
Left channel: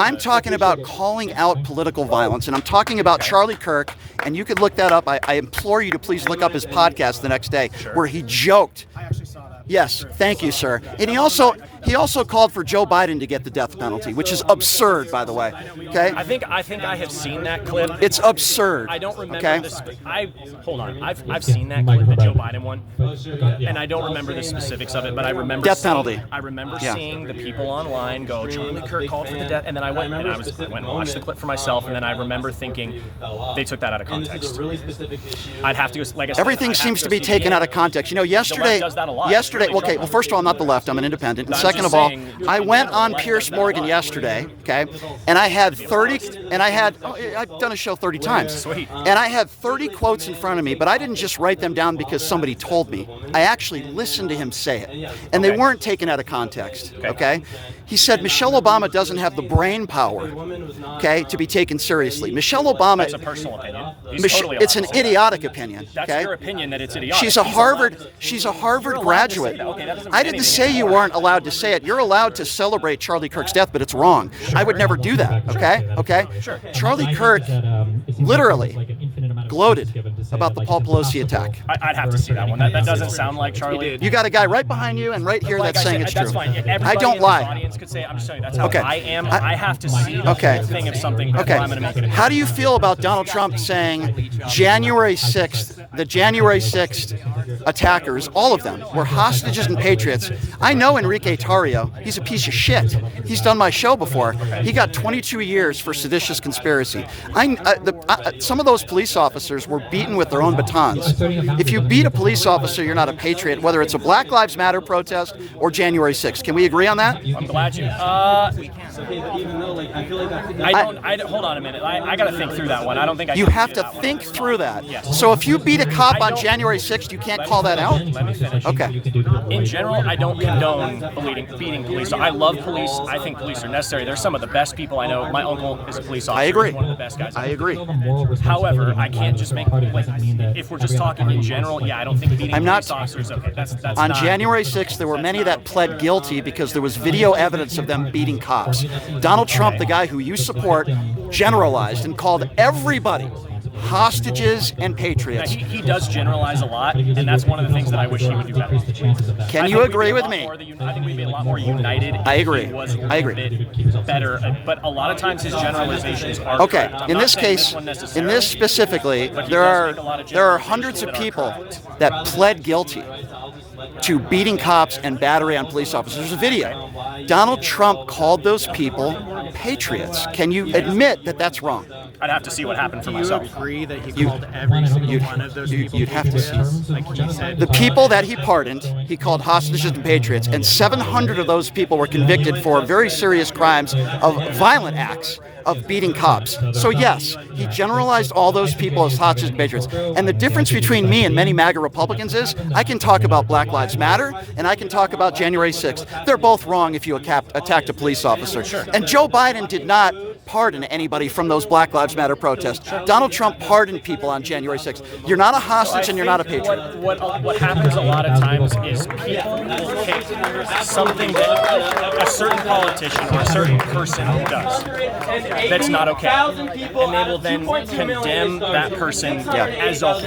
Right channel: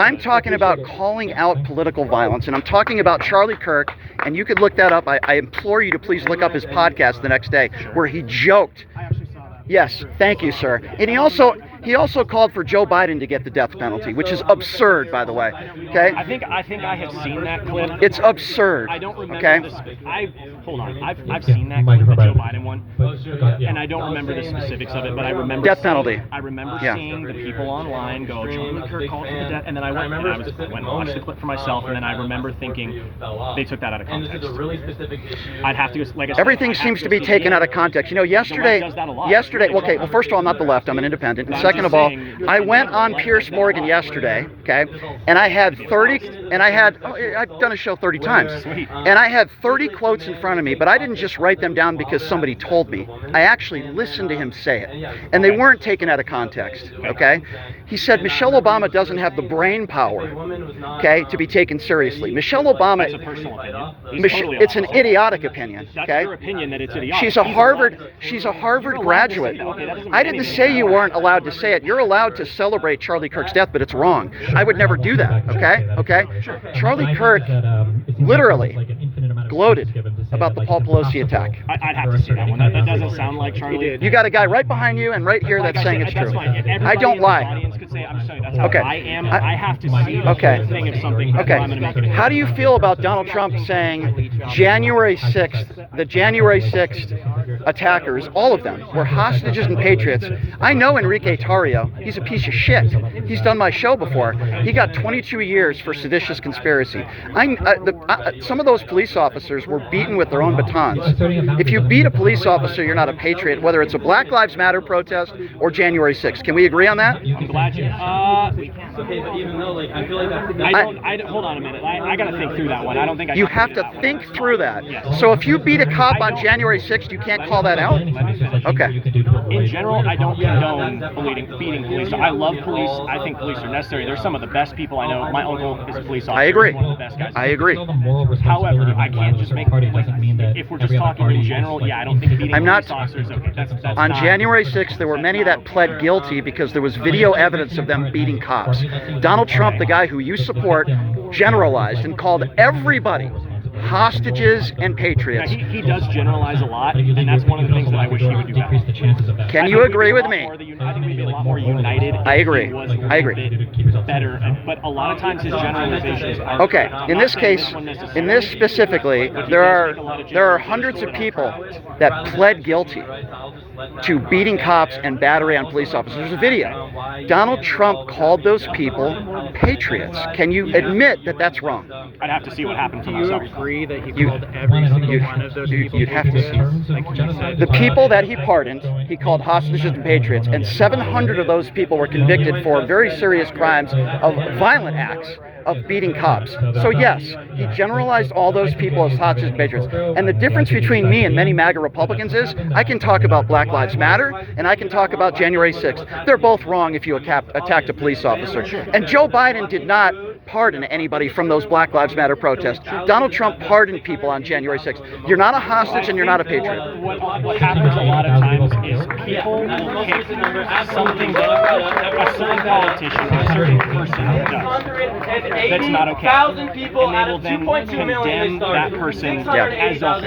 I'm talking about calling out political violence, and I'm talking about Charlie Kirk, and you could look that up. I implore you to please look up his podcast the next day, where he joked. I actually saw that. Yes, thank you, sir. And he also called for Joe Biden to get the death penalty, which is absurd, by the way. Okay? I think I have seen that clip. It's absurd. I don't remember okay? this. Hold on. I've seen that clip, the Joe Biden one, and I don't remember the specifics of it, but I remember death penalty. I remember seeing the people online go, Charlie Kirk called for the death, and then I went and watched the clip for myself, and then I remember thinking they took that out of context. I'd have to, like I said, everything seems to be taken out of context. You know, yesterday. Okay. Well, first of all, I'm not the left. I'm an independent. And second of all, I went on Piers Morgan yesterday. Okay, and I had 30. And I've done a show 30 times. And I had 30 quotes in front of me, but I didn't just write them down because somebody told me. I actually listened to him say it, and they weren't taken out of context. Okay, he said Michelle Obama doesn't have the brain power, okay, to be taken seriously. Michelle Obama. That's a personal opinion. It's an idiotic opinion. That's okay? your opinion that it's idiotic. She's a Harvard graduate. I didn't say you weren't allowed to say it. You're allowed to celebrate Charlie Kirk's death, but it's wrong. I would never do that. Okay. Charlie Kirk literally gloated about the Paul Pelosi attack. I'd have to see that one. That doesn't sound like Charlie. You got a guy right behind you and right here that's saying it's true. That's fine. I don't lie. Audience could say, I'm just saying that's how Okay. I am. I have to see the thing of something. Okay. I'm going to make it. How do you feel about Donald Trump saying January 6th, the January 6th attackers, all of them, were hostages and patriots? I know Enrique Tarrio. He's a piece of shit. He's done my show before. He got 22 years for seditious conspiracy. Some of those police officers were beaten with their own batons. If you beat a police officer, you're not a patriot, whether it's a Black Lives Matter protest or January 6th. Can we agree on that? I'm glad you. Hold on a minute. I got to think through that one. I don't think I. You have to think through that. So if you beat a cop on January 6th, you can't call that out? Let me finish. Okay. In general, I don't condone beating police. I love police. I think police are necessary. They're some of the best people I know. My uncle is a police officer. I agree. He's one of the best guys. I agree. However, I can't just make if we're just talking in general. Yeah, I don't think beating police officers. Okay, that's on not, January 6th, there were many that pled guilty because there was video evidence of them beating cops. Donald Trump, the guy who you support, generalized and called everybody hostages and patriots. Yeah, he does generalize a lot, and that's one of the things that I wish he would do better. Can you agree with me? I think we'd be a lot more united. I agree. I agree. Better, but a lot of times his generalizations are okay. In this case, in this specifically, there are hundreds of people that pled guilty to beating cops and battery on police officers. There's a video. Donald Trump called those people patriots. Can you admit that that's wrong? I'd have to see what happened for myself. Agree that he called every single one of those people. You'd have to see. The people that he pardoned, he called hostages and patriots, and 700 of those people were convicted for very serious crimes of violent acts of beating cops. So yes, he generalized all those people as hostages and patriots. And the difference between me and many MAGA Republicans is I can talk about Black Lives Matter and I can talk about January 6th. They're both wrong if you attacked a police officer. And Joe Biden did not pardon anybody from those Black Lives Matter protests. Donald Trump pardoned people on January 6th. You're not a hostage and you're not a patriot. What happens a lot of times is people will take something that a certain politician or a certain person does that's not okay, and they will then condemn that person as a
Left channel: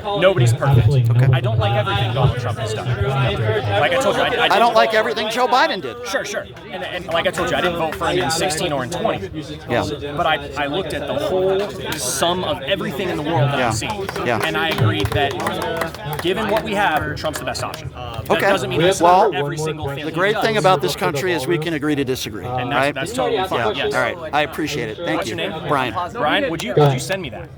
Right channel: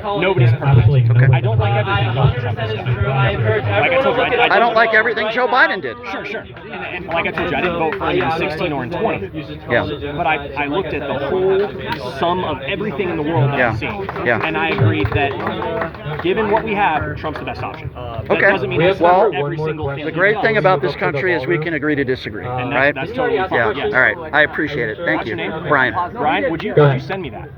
whole. Nobody's perfect. Okay. I don't like everything Donald Trump has done. Like I told you, I don't like everything Joe Biden did. Sure. And like I told you, I didn't vote for him in 16 or in 20. Yeah. But I looked at the whole sum of everything in the world that I've seen. Yeah. And I agreed that given what we have, Trump's the best option. That doesn't mean well, every single thing. the great thing about this country is we can agree to disagree. And right? That's totally fine. Yeah. Yes. All right. I appreciate it. Thank What's you. your name? Brian. Brian, would you send me that?